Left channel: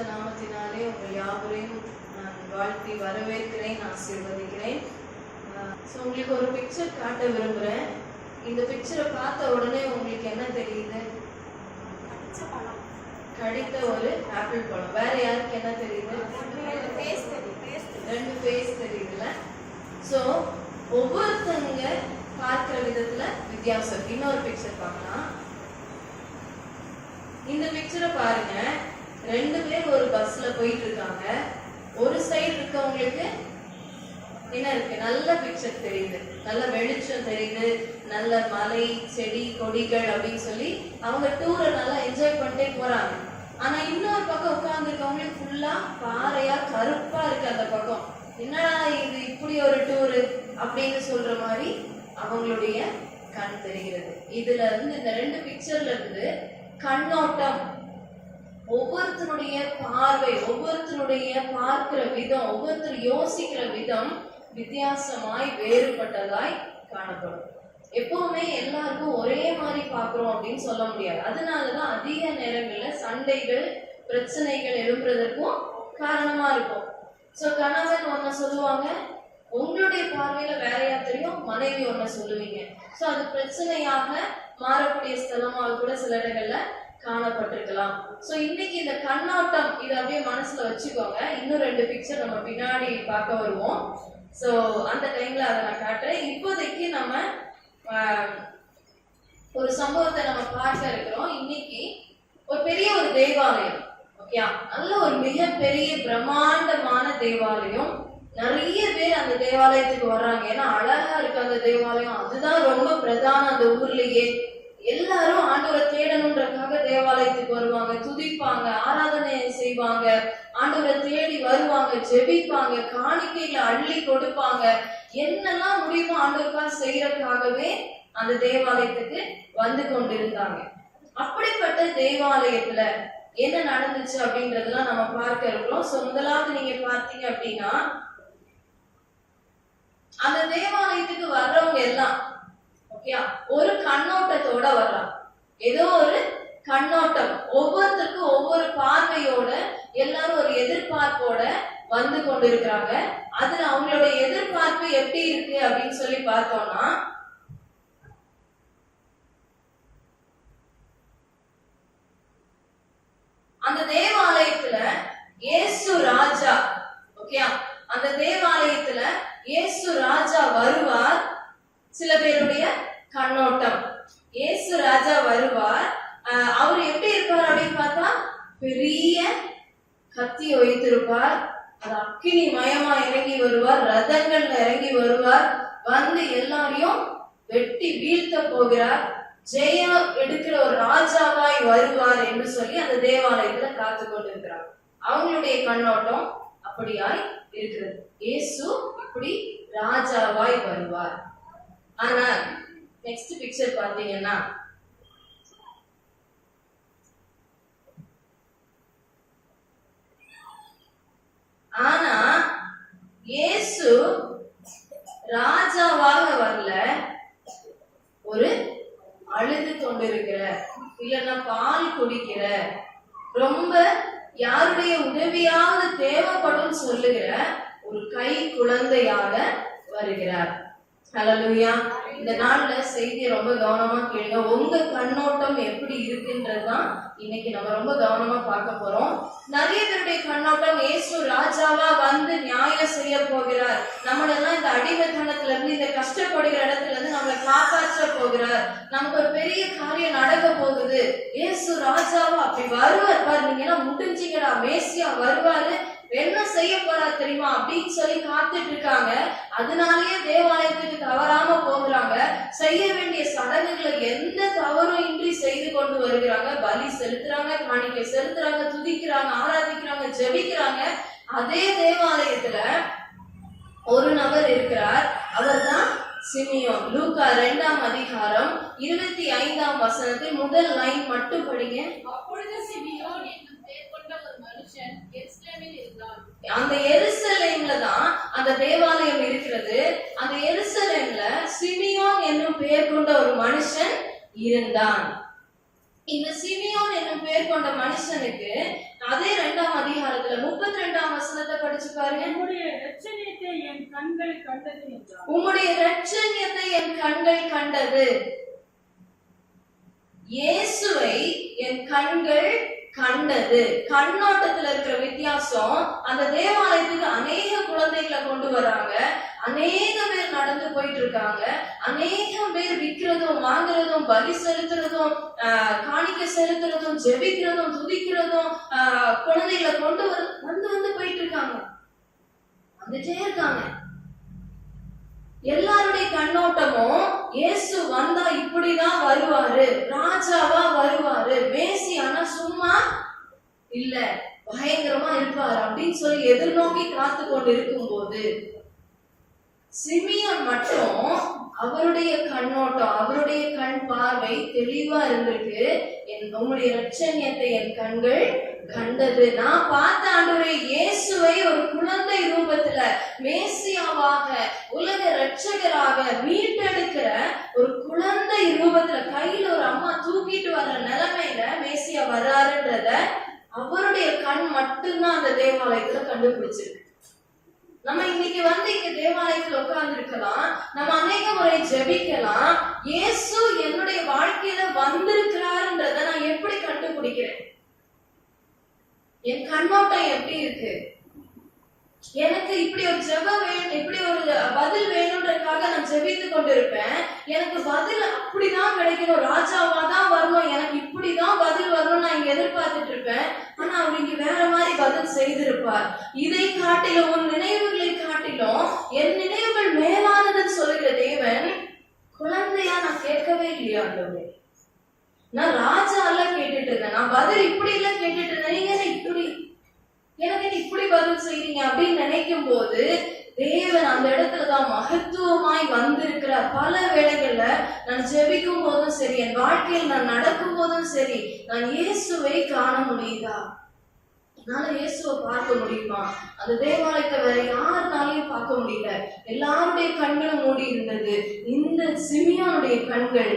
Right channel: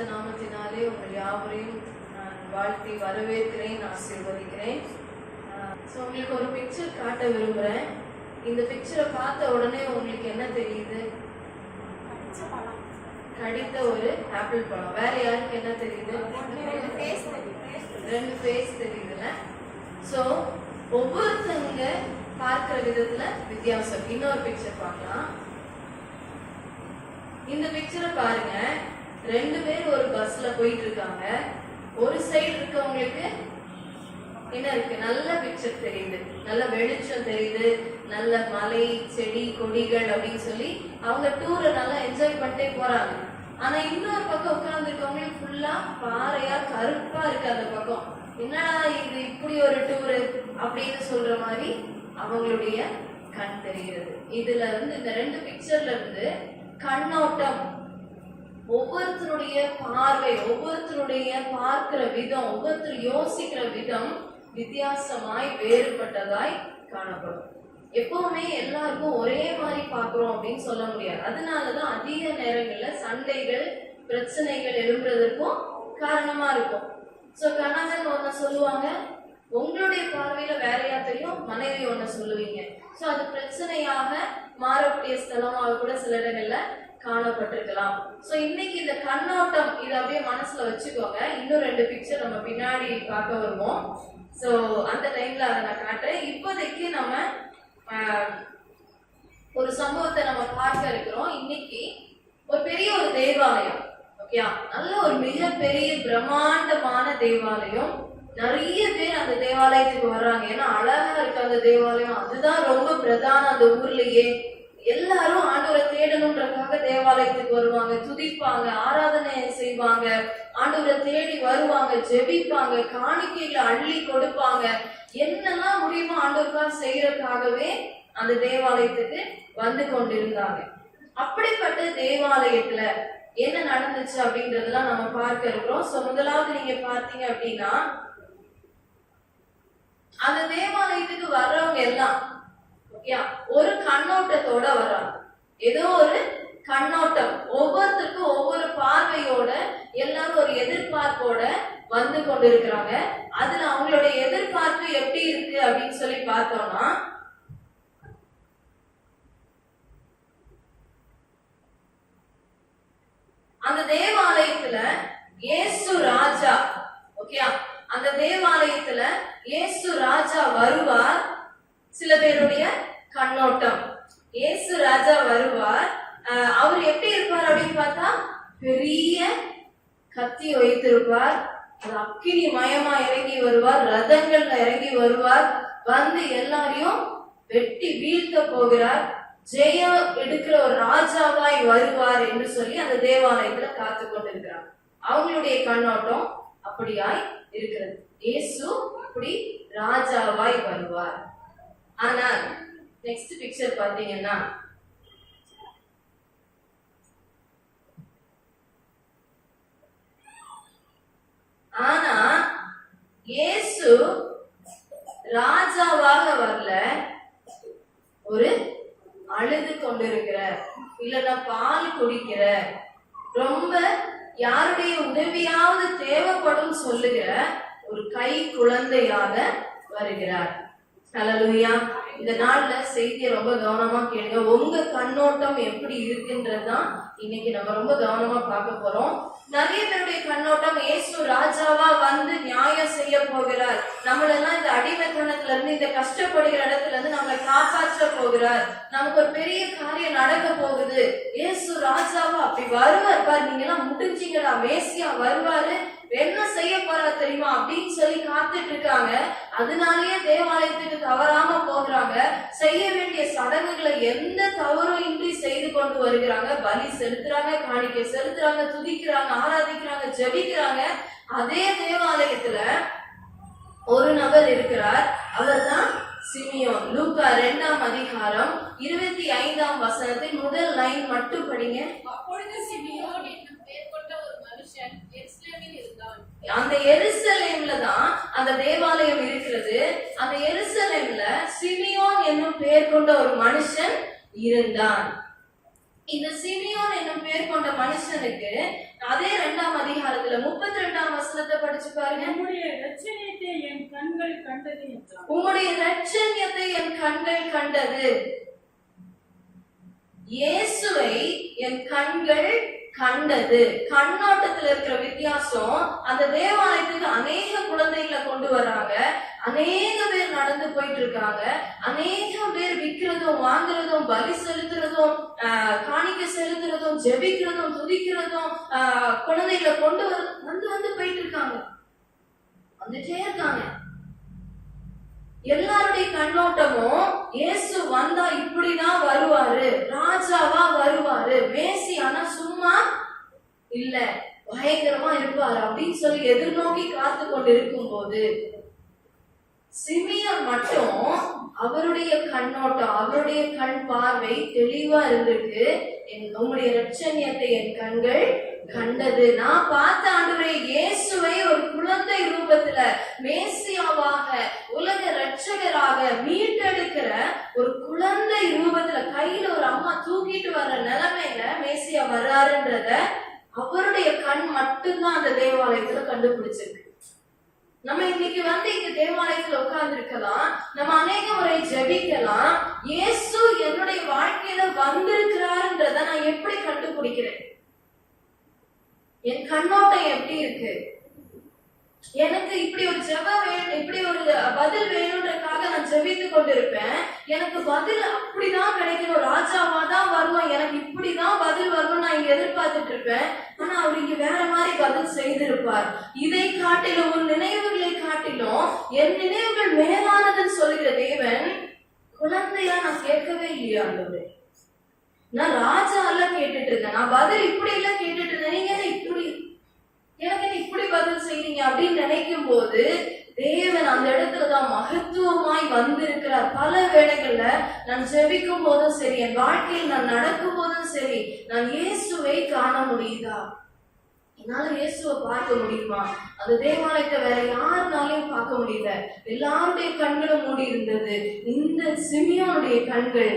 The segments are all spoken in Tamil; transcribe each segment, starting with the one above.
பரிசுத்த நாமத்தினாலே உங்கள் யாவரையும் நான் வாழ்த்தி வரவேற்கிறேன், ஆசீர்வதிக்கிறேன். உங்களுக்கு ஒரு பிக்சர் காட்ட விரும்புகிறேன். இந்த பிக்சரை பார்த்த உடனே உங்களுக்கு என்ன தெரியுது? கடித்த ஒரு ஆப்பிள் பழம். வேற யாருக்கு என்ன தெரியுது? ரெண்டு ஃபேஸ் தெரியுதுல. ஸோ ஒவ்வொருத்தவங்க பார்க்கிற விதத்துல வித்தியாசம். இன்னொரு பிக்சர் பார்க்கலாம். இந்த பிக்சரை பாருங்க. ரெண்டு பேர் ஒரு பஸ்ல போயிட்டு இருக்காங்க. ஒரு சைடு இருக்கவங்களுக்கு என்ன இருக்கு? நல்ல பிக்சர் தெரியுது, நல்ல வெளிச்சம் தெரியுது, நல்ல மலை, செடி, கொடிகள் அப்படின்னு சொல்லி அவங்க டூரை நல்லா என்ஜாய் பண்ணிட்டே போறாங்க. ஆனா இன்னொரு பக்கம் உட்கார்ந்து இருக்கவங்களுக்கு ஃபுல்லா பாறையா கருப்பா இருக்கு. அந்த பக்கம் என்னடா இது இப்படி ஒரு டூரு அப்படின்னு சொல்ற மாதிரி அவங்களுடைய கண் தெரிகிறது. இதுல இருந்து இந்த ரெண்டு பிக்சர்ல இருந்து கண்ணோட்டம், ஒவ்வொருத்தருடைய பார்வை, ஒவ்வொருத்தருடைய பார்க்கிற விதம், ஒவ்வொருத்தர் யோசிக்கிற விதம் வித்தியாசமாய் வேறுபட்டதாய் காணப்படும். எப்பவுமே எல்லாருக்கும் ஒரே மாதிரி பார்க்கிறோம் அப்படின்னு சொல்ல முடியாது. அதனாலதான் அதிக நேரங்கள்ல சண்டைகள், பிரச்சனைகள் எழும்புறதுக்கும் காரணமா இருக்கும். சோ கணவன் ஒன்ன சொல்லுவாங்க, உங்களுடைய பார்வையில வேறையா தெரியும், மனைவி ஒன்ன சொல்லுவீங்க. சோ அது பிரச்சனையாக மாறக்கூடிய ஸ்தலமாக கூட சில இடங்கள்ல காணப்பட்டிருக்கலாம். சோ இன்னைக்கு இந்த கண்ணோட்டம் இதை அப்படியே மனசுல வச்சுக்கோங்க. இன்னும் ரெண்டு பிக்சர் நம்ம பின்னாடி பார்க்க வருவோம். சோ அந்த டைம்ல அதை நான் காட்டுறேன். இப்போதைக்கு நம்ம ஒரு சம்பவத்தை நம்ம பார்க்க இருக்கிறோம். இன்னைக்கு ஒரு பெரிய ஒரு தேவாலயம், ஓகே, நல்ல ஒரு மிகப்பெரிய பிரம்மாண்டமான தேவாலயம். நிறைய பேர் அந்த தேவாலயத்துக்கு வர்றாங்க. ஏன்னா அழகா இருக்கு அந்த தேவாலயம். அதுதான் ரொம்ப பிரதான அந்த ஊர்லயே. எல்லாரும் ஆண்டவரை தேடணுன்றதுக்காக தேவாலயத்துக்கு வருவாங்க, துதிப்பாங்க, ஆராதனை செய்வாங்க, ஆண்டவரை தேடி வருவாங்க, ஜெபிப்பாங்க, காணிக்கைகளை அள்ளி கொடுப்பாங்க. என்னெல்லாம் முடியுமோ ஆண்டவருக்காக செய்யறதுக்காகவே அந்த தேவாலயத்துக்கு வந்து கொண்டிருந்தாங்க. அப்படிப்பட்ட தேவாலயத்துல என்ன நடந்துச்சு அப்படின்றதெல்லாம் நம்ம பார்க்க இருக்கிறோம். சோ முதலாவது நீங்க பார்த்தீங்க அப்படின்னா, அந்த தேவாலயத்துக்கு வர்றவங்க எல்லாம் ஒரு கண்ணோட்டத்தோட வர்றாங்க. ஏதோ ஒரு கண்ணோட்டம், ஒவ்வொருத்தருக்கும் ஒவ்வொரு பார்வையோட, எல்லாரும் ஒரு எதிர்பார்ப்போட வந்து கொண்டிருக்கிறாங்க. அதுல அவங்களுடைய எதிர்பார்ப்பு எப்படி இருக்கு அப்படின்னு சொல்லி பார்த்தோம்னா, அந்த தேவாலயத்துல இயேசு ராஜா, ஓகே, அந்த தேவாலயத்துல இயேசு ராஜா வருவார். சில பேருடைய கண்ணோட்டம், இயேசு ராஜா வருவார். அவர் எப்படி இருப்பார் அப்படின்னு பார்த்தா, பெரிய கத்தி வைத்திருப்பார், அது அக்கினி மயமா இறங்கி வருவார், ரதங்கள்ல இறங்கி வருவார், வந்து எல்லாரையும் வெட்டி வீழ்த்த போகிறார், ஜெயம் எடுக்கிற ஒரு ராஜாவாய் வருவார் என்று சொல்லி அந்த தேவாலயத்துல காத்து கொண்டிருக்கிறார். அவங்களுடைய கண்ணோட்டம் அப்படியாய் இருக்கிறது. இயேசு இப்படி ராஜாவாய் வருவார். ஆனா நெக்ஸ்ட் பிக்சர் பாத்தீங்கன்னா, ஆனா இயேசு ராஜாவாக வரல, ஒரு அழுது கொண்டிருக்கிற, இல்லைன்னா பால் குடிக்கிற, ரொம்ப யாருடைய உதவியாவது தேவைப்படும் சொல்லுகிற ஒரு கை குழந்தையாக வருகிறார். ஹல்லேலூயா. இந்த நாள்ல செய்தியை ரொம்ப கவனமா கேளுங்க. உங்க கண்ணோட்டம் எப்படி இருக்குன்றதுதான் இன்னைக்கு நம்ம ரொம்ப கவனமா பார்க்க போறோம். நிறைய பேருடைய கண்ணோட்டம், இயேசு ராஜாவா வந்து நியாயம் செய்ய போகிறார், நம்மளெல்லாம் இந்த அடிமைத்தனத்துல இருந்து, இந்த கஷ்டப்படுகிற இடத்துல இருந்து நம்மளை காப்பாற்ற போகிறார், நமக்கு ஒரு பெரிய காரியம் நடக்க போகுது, இயேசு ராஜாவா அப்படி வருவார் பாரு, நீங்க எல்லாம் முடிஞ்சீங்கடா, மேசியா வருவாரு, என்ன செய்ய போறா தெரியுமா அப்படின்னு சொல்லி காத்துட்டு இருக்காங்க. அதனாலேயே தேவாலயத்துக்கு தவறாம போகிறாங்க. செய்ய வேண்டிய சடங்குகளை எந்த தவறும் இன்றி செய்து கொண்டு வருகிறாங்க. பலி செலுத்துறாங்க, காணிக்கை செலுத்துறாங்க, துதிக்கிறாங்க, ஆராதிக்கிறாங்க, ஜெபிக்கிறாங்க. அதே தேவாலயத்துல ஒரு நபர் இருக்கிறார். அவர் தான் சிமியோன். லூக்கா 2ஆம் அதிகாரம் 25ஆம் வசனத்தில் முதல் லைன் மட்டும் படிங்க. அப்பொழுது சிமியோன் என்னும் பெயர் கொண்ட ஒரு மனுஷன் எருசலேமில் இருந்தான். அந்த எருசலேம்ல தான் அந்த தேவாலயம் இருக்கிறது. அந்த எருசலேம்ல சிமியோன் என்னும் பெயர் கொண்ட ஒரு மனுஷன் இருந்தான். இந்த சிமியோன் என்னும் பேர் கொண்ட மனுஷனுக்கு அதே 2ஆம் அதிகாரத்துல 32ஆம் வசனத்தை படிச்சு பாருங்க. உம்முடைய இரட்சணியத்தை என் கண்கள் கண்டது என்றார். உம்முடைய இரட்சணியத்தை என் கண்கள் கண்டது. இயேசுவை என் கண்கள் கண்டது. கண்ணோட்டத்துல இருக்கிற வித்தியாசம். அந்த தேவாலயத்துக்கு அநேக குழந்தைகளை கொண்டு வராங்க, அநேக பேர் நடந்து போயிட்டு இருக்காங்க, அநேக பேர் விற்கிறதும் வாங்குறதும் பலி செலுத்துறதும் காணிக்கை செலுத்துறதும் ஜெபிக்கிறதும் துதிக்கிறதும் குழந்தைகளை கொண்டு வந்து போயிட்டு இருக்காங்க, வந்துட்டே இருக்காங்க. எல்லாருடைய கண்ணோட்டமும் இயேசு வந்தா இப்படிதான் வருவாரு, ராஜாவா வருவாரு, மேசியானா சும்மா இல்ல பயங்கரமா இருப்பாரு அப்படின்னு சொல்லி எதிர்நோக்கி காத்து கொண்டு இருக்கும் போது சிமியோன் மட்டும் அவருடைய கண்ணோட்டம், அவருடைய கண் பார்வை தெளிவா இருந்திருக்கு. உம்முடைய இரட்சணியத்தை என் கண்கள் கண்டது. நான் பார்த்த ஆண்டவரே இயேசுவை ஒரு குழந்தை ரூபத்துல மேசியாவாக உலக இரட்சகராக மீட்டெடுக்கிற ஒரு குழந்தை ரூபத்துல கையில ஒரு அம்மா தூக்கிட்டு வர்ற நிலைமையில மேசியா வர்றாருன்றத அவருடைய கண் மட்டும்தான் அந்த தேவாலயத்துல கண்டுபிடிச்சிருக்கு. நம்ம இன்னைக்கு இங்க தேவாலயத்துல உட்கார்ந்து இருக்கலாம், நம்ம அநேக முறை ஜெபிக்கலாம். இயேசு என்னுடைய வாழ்க்கையில வந்திருக்கிறாருன்றத நான் எப்படி கண்டுபிடிக்கிறேன்? என் கண்ணோட்டம் எப்படி இருக்கு? எனக்கு இப்படி ஒரு ஜெபம் வேணும், இப்படி ஒரு பதில் வேணும்ன்றதுக்காக நான் ஜெபித்து கொண்டிருப்பேன். எனக்கு பதில் அப்படிதான் கிடைக்கணும், ராஜாவா தான் வரணும், எனக்கு இப்படிதான் பதில் வரணும் நான் இங்க எதிர்பார்த்துட்டு இருப்பேன். ஆனா அவர் இங்க வேற மாதிரி பதில் செய்திருப்பார். இதை காட்டிலும் உன் நினைவுகளை காட்டிலும் என் நினைவுகள் மேலானதுன்னு சொல்லுகிற தேவன் குழந்தையா நான் கேட்கவே இல்லையா ஆண்டவரே? நான் ராஜா எல்லாம் கேட்டுட்டு இருந்தேன், நான் பதில் இப்படி எல்லாம் கேட்டுட்டு இருந்தேன், நீங்க இப்படி எனக்கு இப்படி பதில் செய்றீங்க அப்படின்னு நினைக்கும் போது தேவன் அந்த இடத்துலதான் மகத்துவமாய் வந்திருக்கிறார். பல வேளைகள்ல நான் ஜெபிக்கும் போதும் சரி, என் வாழ்க்கையில் நான் நடக்கும் போதும் சரி, நான் இயேசுவை காண முடியுதா? என்னால இயேசுவை பார்க்க முடியுமா? அந்த தேவாலயத்தை வேற யாருனாலையும் பார்க்க முடியல, எல்லாருடைய கண்களும் மூடி இருந்தது. இந்த சிமியோனுடைய கண்கள்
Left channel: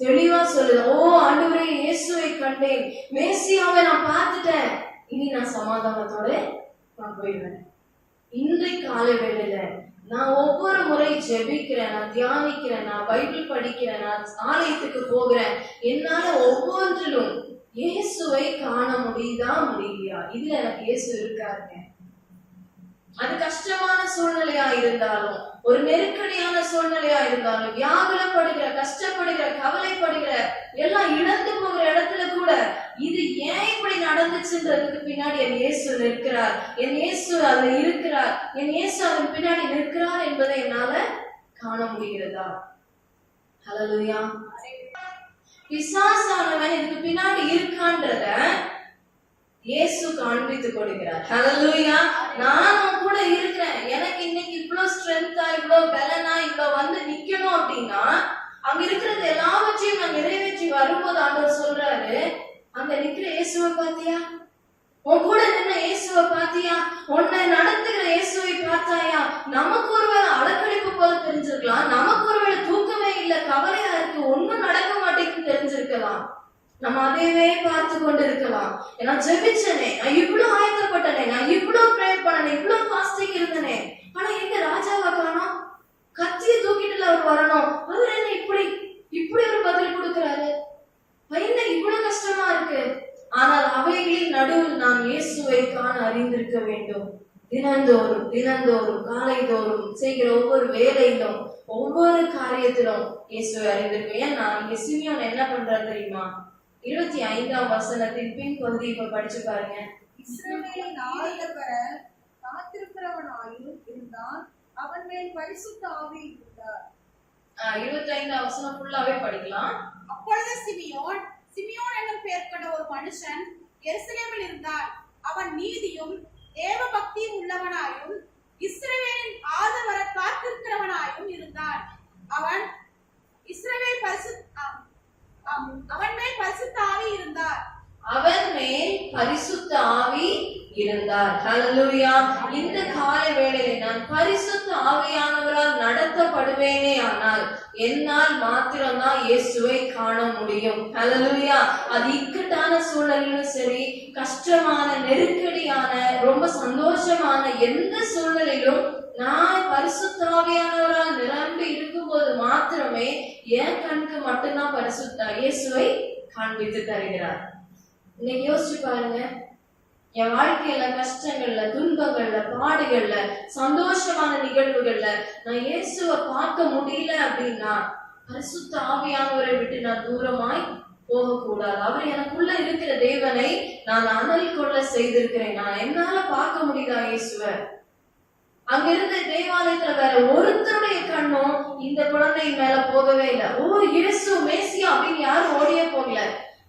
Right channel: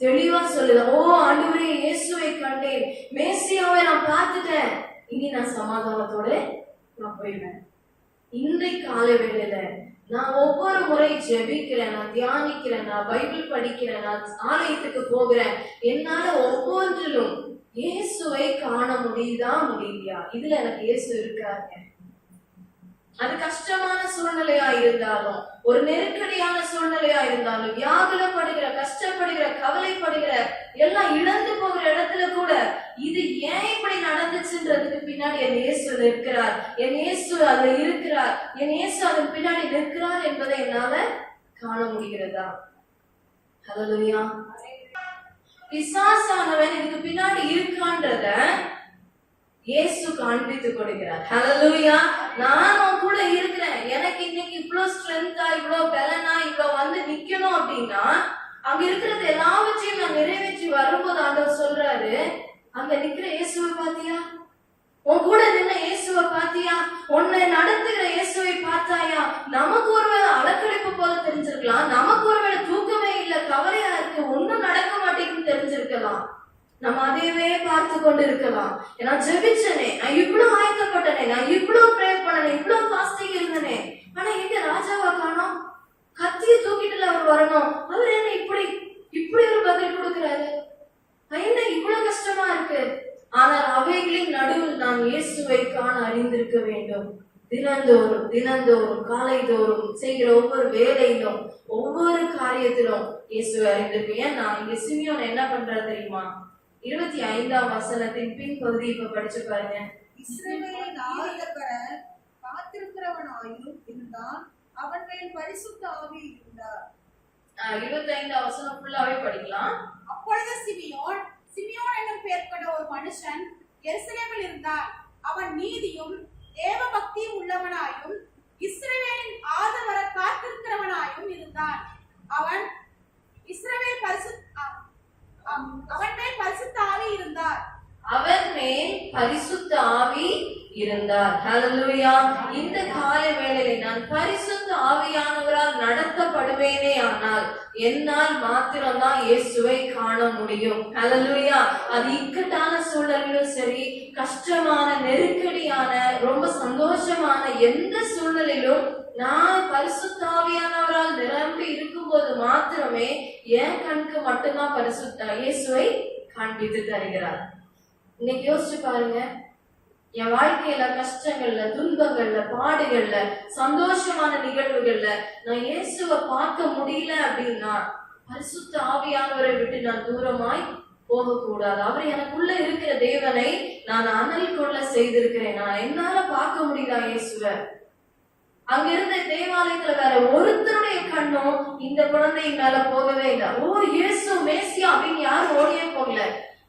தெளிவா சொல்லுது, ஓ ஆண்டவரே இயேசுவை கண்டேன், மேசியாவை நான் பார்த்துட்டேன், இனி நான் சமாதானத்தோட நான் போயிடுவேன். இன்றைக்கு காலை வேளையில நான் ஒவ்வொரு முறை ஜெபிக்கிறேன், நான் தியானிக்கிறேன், நான் பைபிள் படிக்கிறேன், நான் ஆலயத்துக்கு போகிறேன், என்னால ஒவ்வொன்றிலும் இயேசுவை காண முடியுதா முடியலையா? இதுல எனக்கு இயேசு இருக்காருங்க. அது கஷ்டமான சூழ்நிலையா இருந்தாலும், ஒரு நெருக்கடியான சூழ்நிலையா இருந்தாலும், வியாகுலப்படுகிற, கஷ்டப்படுகிற, கவலைப்படுகிற, எல்லாம் இழந்து போகிற இடத்துல கூட இது ஏன் இப்படி நடந்துச்சுன்றதுக்கு பின்னாடி என் இயேசு நிற்கிறார், என் இயேசு அதுல இருக்கிறார், என் இயேசு அதன் பின்னாடி நிற்கிறார் என்பதை என்னால காண முடிகிறதா? ஹல்லேலூயா. பிசாசானவன் இதுக்கு பின்னாடி இருக்கான்றத இயேசு காண்பித்து கொடுக்கிறார். ஹல்லேலூயா. நானும் கூட இருக்கிறேன், எனக்கு இன்னைக்கு இவ்வளவு ஸ்ட்ரென்த்தா, இவ்வளவு பலனா, இவ்வளவு வந்து நிக்கணும் அப்படின்னா அங்க இருக்கிறது எல்லாவற்றையும் நான் நிறைவேற்றி வரும்போது ஆண்டவர் சொல்றாரு, அங்க நிக்கிற இயேசுவை பாத்தியா? உன் கூட நின்ன இயேசுவை பாத்தியா? உன்னை நடத்துகிற இயேசுவை பார்த்தாயா? நமக்கு ஒருவேளை அலக்கழிப்பு போல தெரிஞ்சிருக்கலாம், நமக்கு ஒருவேளை தூக்கமே இல்ல, கவலையா இருக்கு, ஒண்ணும் நடக்க மாட்டேங்குன்னு தெரிஞ்சிருக்கலாம். நம்ம அதையவே பார்த்து கொண்டு இருக்கலாம். ஏன்னா ஜெபிச்சனே, நான் இவ்வளவு ஆயத்தப்பட்டனே, நான் இவ்வளவு ப்ரேயர் பண்ணனே, இவ்வளவு ஃபாஸ்டிங் இருந்தனே, ஆனா எங்க ராஜாவை காணோம்? கத்திய தூக்கிட்டுல அவர் வரணும், அவர் என்ன இப்படி ஒரு பதில் கொடுக்கிறாரு? என்ன இவ்வளவு கஷ்டமா இருக்கு? ஆனால் அவைகளின் நடுவில் நாம் இயேசுவை காண அறிந்திருக்க வேண்டும். தினந்தோறும் காலைதோறும் செய்கிற ஒவ்வொரு வேலையிலும், ஒவ்வொரு காரியத்திலும் இயேசுவை அறிந்திருக்கேன். ஏன் நான் இங்க சிமியோன் என்ன பண்றாரு தெரியுமா? 25ஆம் வசனத்தின் பின் பகுதி இப்ப படிச்சு பாருங்க. இஸ்ரவேலின் ஆண்டவர காத்திருக்கிறவனாயும் இருந்தான், அவன் மேல் பரிசுத்த ஆவி இருந்தார். 25ஆம் வசனம் ஃபுல்லாவே படிக்கலாம். அப்பொழுது சிமியோன் என்னும் பெயர் கொண்ட ஒரு மனுஷன் எருசலேமில் இருந்தான். அவன் நீதியும் தேவ பக்தியும் உள்ளவனாயும் இஸ்ரவேலின் ஆதரவர காத்திருக்கிறவனாயும் இருந்தான். அவன் மேல் பரிசுத்த ஆவி இருந்தார். அவர் மேல் பரிசுத்த ஆவி இருந்தார். ஹல்லேலூயா. இந்த காலை வேளையிலே நான் பரிசுத்த ஆவியானவரால் நடத்தப்படுவேனே ஆனால் என்னால் மாத்திரம்தான் இயேசுவை காண முடியும். ஹல்லேலூயா. அது இக்கட்டான சூழலிலும் சரி, கஷ்டமான, நெருக்கடியான, ரொம்ப சந்தோஷமான எந்த சூழலிலும் நான் பரிசுத்த ஆவியானவரால் நிரம்பி இருக்கும்போது மாத்திரமே என் கண்ணுக்கு மட்டும்தான் பரிசுத்த இயேசுவை காண்பித்து தருகிறார். இன்னைக்கு யோசிச்சு பாருங்க, என் வாழ்க்கையில கஷ்டங்கள்ல, துன்பங்கள்ல, பாடுகள்ல, சந்தோஷமான நிகழ்வுகள்ல நான் இயேசுவை பார்க்க முடியல அப்படின்னா பரிசுத்த ஆவியானவரை விட்டு நான் தூரமாய் போகக்கூடாது. அவர் எனக்குள்ள இருக்கிற தேவனை நான் அனல் கொள்ள செய்திருக்கிறேன். நான் என்னால பார்க்க முடியல இயேசுவை. அங்க இருந்த தேவாலயத்துல வேற ஒருத்தருடைய கண்ணும் இந்த குழந்தை மேல போகவே இல்லை. ஓ இயேசு மேசியா அப்படின்னு யாரும் ஓடியே போகல.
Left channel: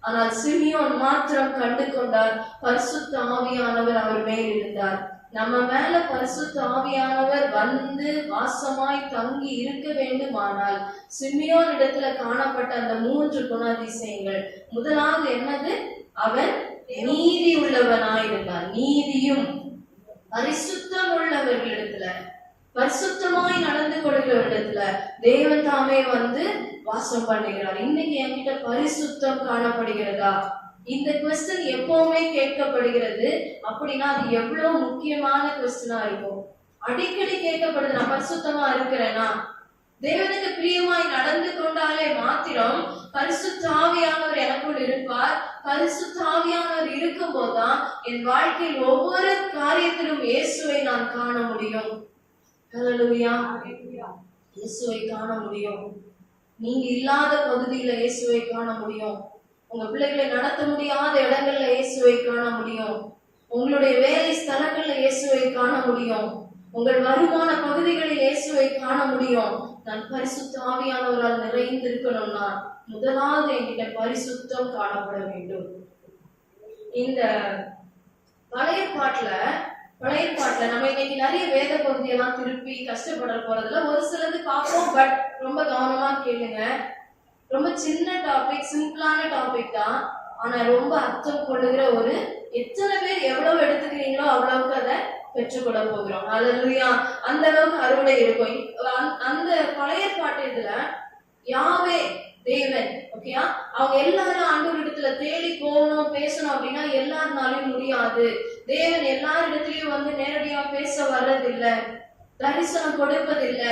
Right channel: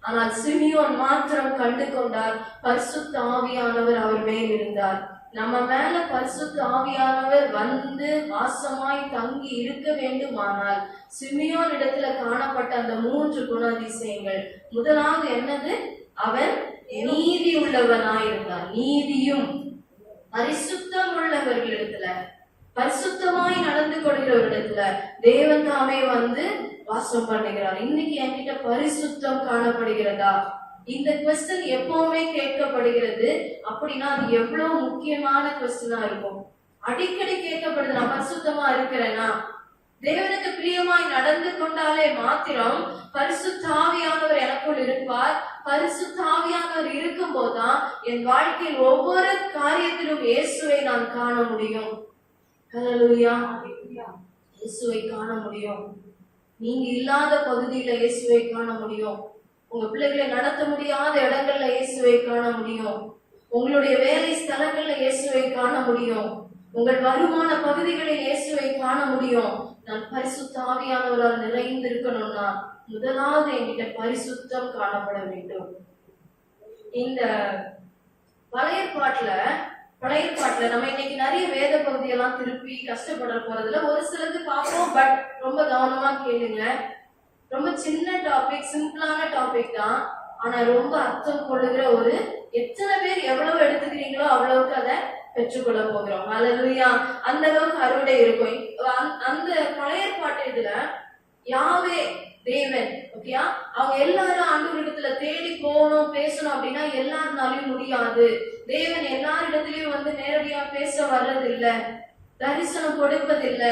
ஆனால் சிமியோன் மாத்திரம் கண்டு கொண்டார். பரிசுத்த ஆவியானவர் அவர் மேல் இருந்தார். நம்ம மேல பரிசுத்த ஆவியானவர் வந்து வாசமாய் தங்கி இருக்க வேண்டுமானால் சிமியோன் இடத்துல காணப்பட்ட அந்த 3 குணாதிசயங்கள், முதலாவது என்னது? அவன் நீதி உள்ளவனாயிருந்தார். நீதியும் பரிசுத்தம் உள்ளவர்களிடத்துல, பரிசுத்தமாய் நடந்து கொள்கிறவரிடத்துல தேவன் தாமே வந்து வாசம் பண்ணுகிறார். இன்னைக்கு என்கிட்ட பரிசுத்தம் காணப்படுகிறதா? இந்த क्वेश्चन எப்பவுமே கேட்கப்படுகிறது. அப்படின்னா அது எவ்வளவு முக்கியமான क्वेश्चना இருக்கும். அடிக்கடி கேட்கப்படுது, நான் பரிசுத்தமா இருக்கிறேனா? தேவனுக்கு பிரியமாய் நடந்து கொண்டாலே மாத்திரம் பரிசுத்த ஆவியானவர் எனக்குள் இருப்பார். பரிசுத்த ஆவியானவர் இருக்கும் போதுதான் என் வாழ்க்கையில் ஒவ்வொரு காரியத்திலும் இயேசுவை நான் காண முடியும். ஹல்லேலூயா. இயேசுவை காண முடியும். நீங்க இல்லாத பகுதியில இயேசுவை காண முடியும். உங்க பிள்ளைகளை நடத்த முடியாத இடங்கள்ல இயேசுவை காண முடியும். உங்களுடைய வேலை ஸ்தலங்கள்ல இயேசுவை காண முடியும். உங்கள் வருமான பகுதிகளில் இயேசுவை காண முடியும். நான் பரிசுத்த ஆவியானவரால் நிறைந்து இருக்கணும்னா முதலாவது என்கிட்ட பரிசுத்தம் காணப்பட வேண்டும். இந்த பழைய பாட்டுல நம்ம இன்னைக்கு நிறைய வேத பகுதியெல்லாம் திருப்பி கஷ்டப்பட போறதுல ஒரு சிலது பார்ப்போம். பட் ரொம்ப கவனமா கேளுங்க. ரொம்ப சின்ன டாபிக், சிம்பிளான டாபிக் தான். ஆனா ரொம்ப அர்த்தம் கொள்ளுகிற ஒரு, எத்தனை பேர் எவ்வளவு எடுத்துக்கிறீங்களோ அவ்வளவுக்கு அதை பெற்றுக்கொள்ள போகிறோம். ஹல்லேலூயா. அந்த அளவுக்கு அறுவடை இருக்கும். அந்த பழைய பாட்டு இதுல யாவே தேவன், ஓகேயா, அவங்க எல்லாரும் ஆண்டவர் இடத்துல தேடி போகணும், பேசணும் அப்படின்னா எல்லாருனாலையும் முடியாது. தேவன் எல்லாரிடத்திலயும் வந்து நேரடியா பேச வர்றதில்லை, தரிசனம் கொடுப்பதில்லை.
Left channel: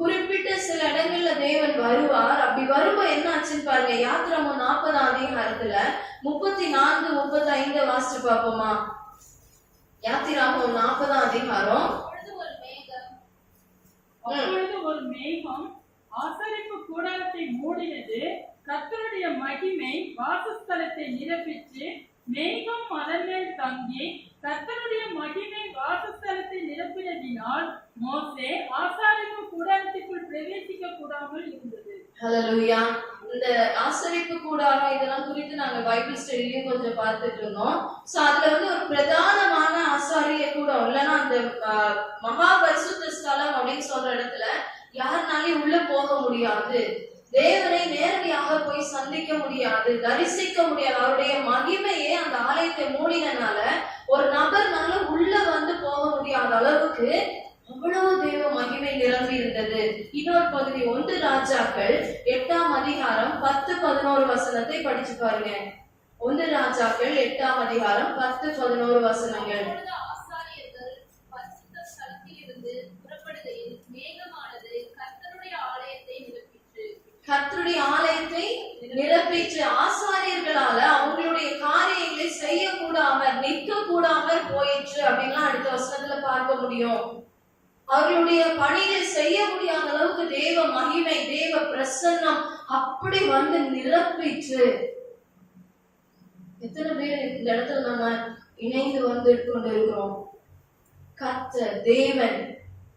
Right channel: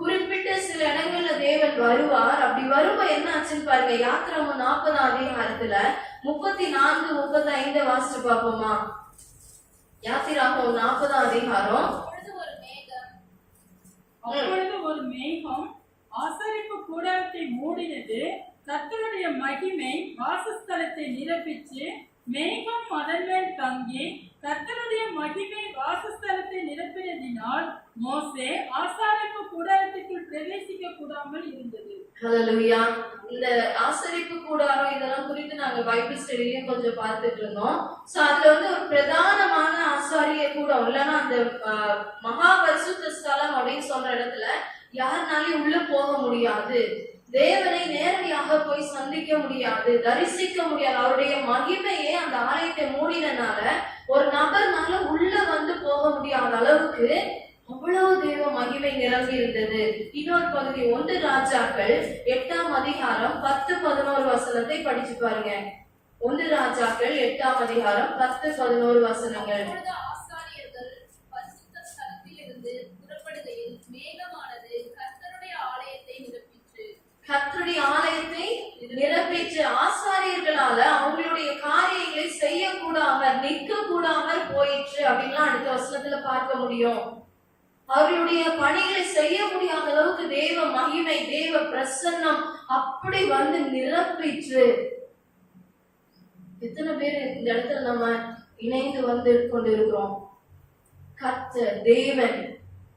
குறிப்பிட்ட சில இடங்கள்ல தேவன் வருவார். அப்படி வரும்போது என்ன ஆச்சுன்னு பாருங்க. யாத்திராகமம் 40ஆம் அதிகாரத்துல 34, 35 வாசிச்சு பார்ப்போமா? யாத்திராகமம் 40ஆம் அதிகாரம். அப்பொழுது ஒரு மேகம் ஆசரிப்பு கூடாரத்தை மூடினது. கர்த்தருடைய மகிமை வாசஸ்தலத்தை நிரப்பிச்சு. மேகம் அதன் மேல் தங்கி கர்த்தருடைய மகிமை வாசஸ்தலத்தை நிரப்பினதினால் மோசே ஆசரிப்பு கூடாரத்திற்குள் பிரவேசிக்க கூடாமல் இருந்தது. ஹல்லேலூயா. இந்த ஆசரிப்பு கூடாரம் இதெல்லாம் குறித்து நாங்க பைபிள் ஸ்டடிலையும் கொஞ்சம் பார்த்துட்டு இருந்தோம். சோ அதுல வந்து ஒரு பிரதானமான ஆசாரிய கூடம், இல்லைன்னா அந்த மகா பரிசுத்த ஸ்தலம் அப்படின்னு சொல்ற இடத்துல யாருனாலையும் உள்ள போக முடியாது. தேவனை நேரடியாக போய் சந்திக்க முடியாது, தரிசிக்க முடியாது. அவருடைய மகிமையே அந்த ஆலயத்தை மூடினால ஒரு நபர்னால உள்ள வந்து போக முடியாத அளவுக்கு அவ்வளவு தேவ மகிமை நிரம்பி இருந்தது. இன்னொரு பகுதி 1 ராஜாக்கள் 8ஆம் அதிகாரம் 10, 11 வசனத்தை படிச்சு பாருங்க. 1 ராஜாக்கள் 8ஆம் அதிகாரம் 10, 11 வசனங்கள். ஆசாரியர்கள் பரிசுத்த ஸ்தலத்திலிருந்து புறப்படுகையில் மேகமானது கர்த்தருடைய ஆலயத்தை நிரப்பிற்று. கர்த்தருடைய ஆலயத்தை நிரப்பிச்சு ஆசாரியர்களால அவங்களுடைய காரியங்களை செய்ய கூடாம நிற்க கூடாம போயிற்று அப்படின்லாம் அடுத்த வசனத்துல பார்க்க முடியும். அவர்களுடைய பணிகளை செய்ய முடியாத அளவுக்கு தேவ மகிமை, தேவ பிரசன்னம் அப்படி வந்து நிரப்பிற்று. எத்தனை பேர் இந்த இடத்துல நம்ம இணைந்து வந்து கொண்டு இருக்கிறோம்? கர்த்தர் தேவன்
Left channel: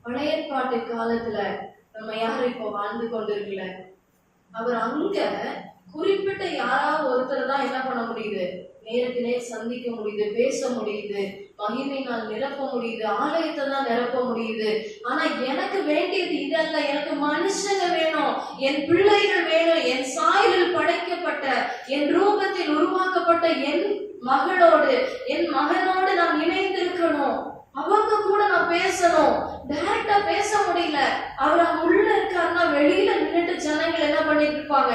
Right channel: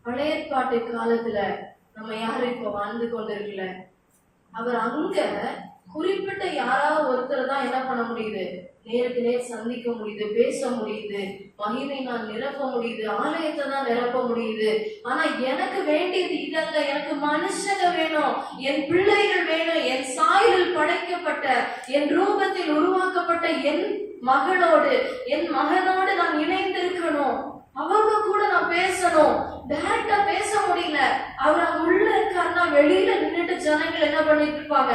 பழைய பாட்டு காலத்துல நம்ம யாரும் இப்ப வாழ்ந்து கொண்டு இருக்கல. அவர் அங்க குறிப்பிட்ட யாராவது ஒருத்தர் தான் என்ன பண்ண முடியுது? நேருக்கு நேர் சந்திக்க முடியுது, பேச முடியுது, மகிமையினால் நிரப்ப முடியுது, ஆலயத்தை தான் நிரப்ப முடியுது. ஆனா எனக்கு வேண்டியது இதல்ல. எனக்கு மனுஷங்க வேணும், என் பிள்ளைகள் வேணும், என் சாயலில் படைக்கப்பட்ட, என் ரூபத்தில் உருவாக்கப்பட்ட என் மகளோடு, என் மகனோடு நான் இணைந்திருக்கணும். அவங்க கூட நான் பேசணும். டைரக்டா பேச முடியல. அவர் அங்க உள்ள இருக்காருன்னா வெளியில நின்னுட்டு ஜனங்கள் என்ன பண்ணிட்டு இருப்பாங்க?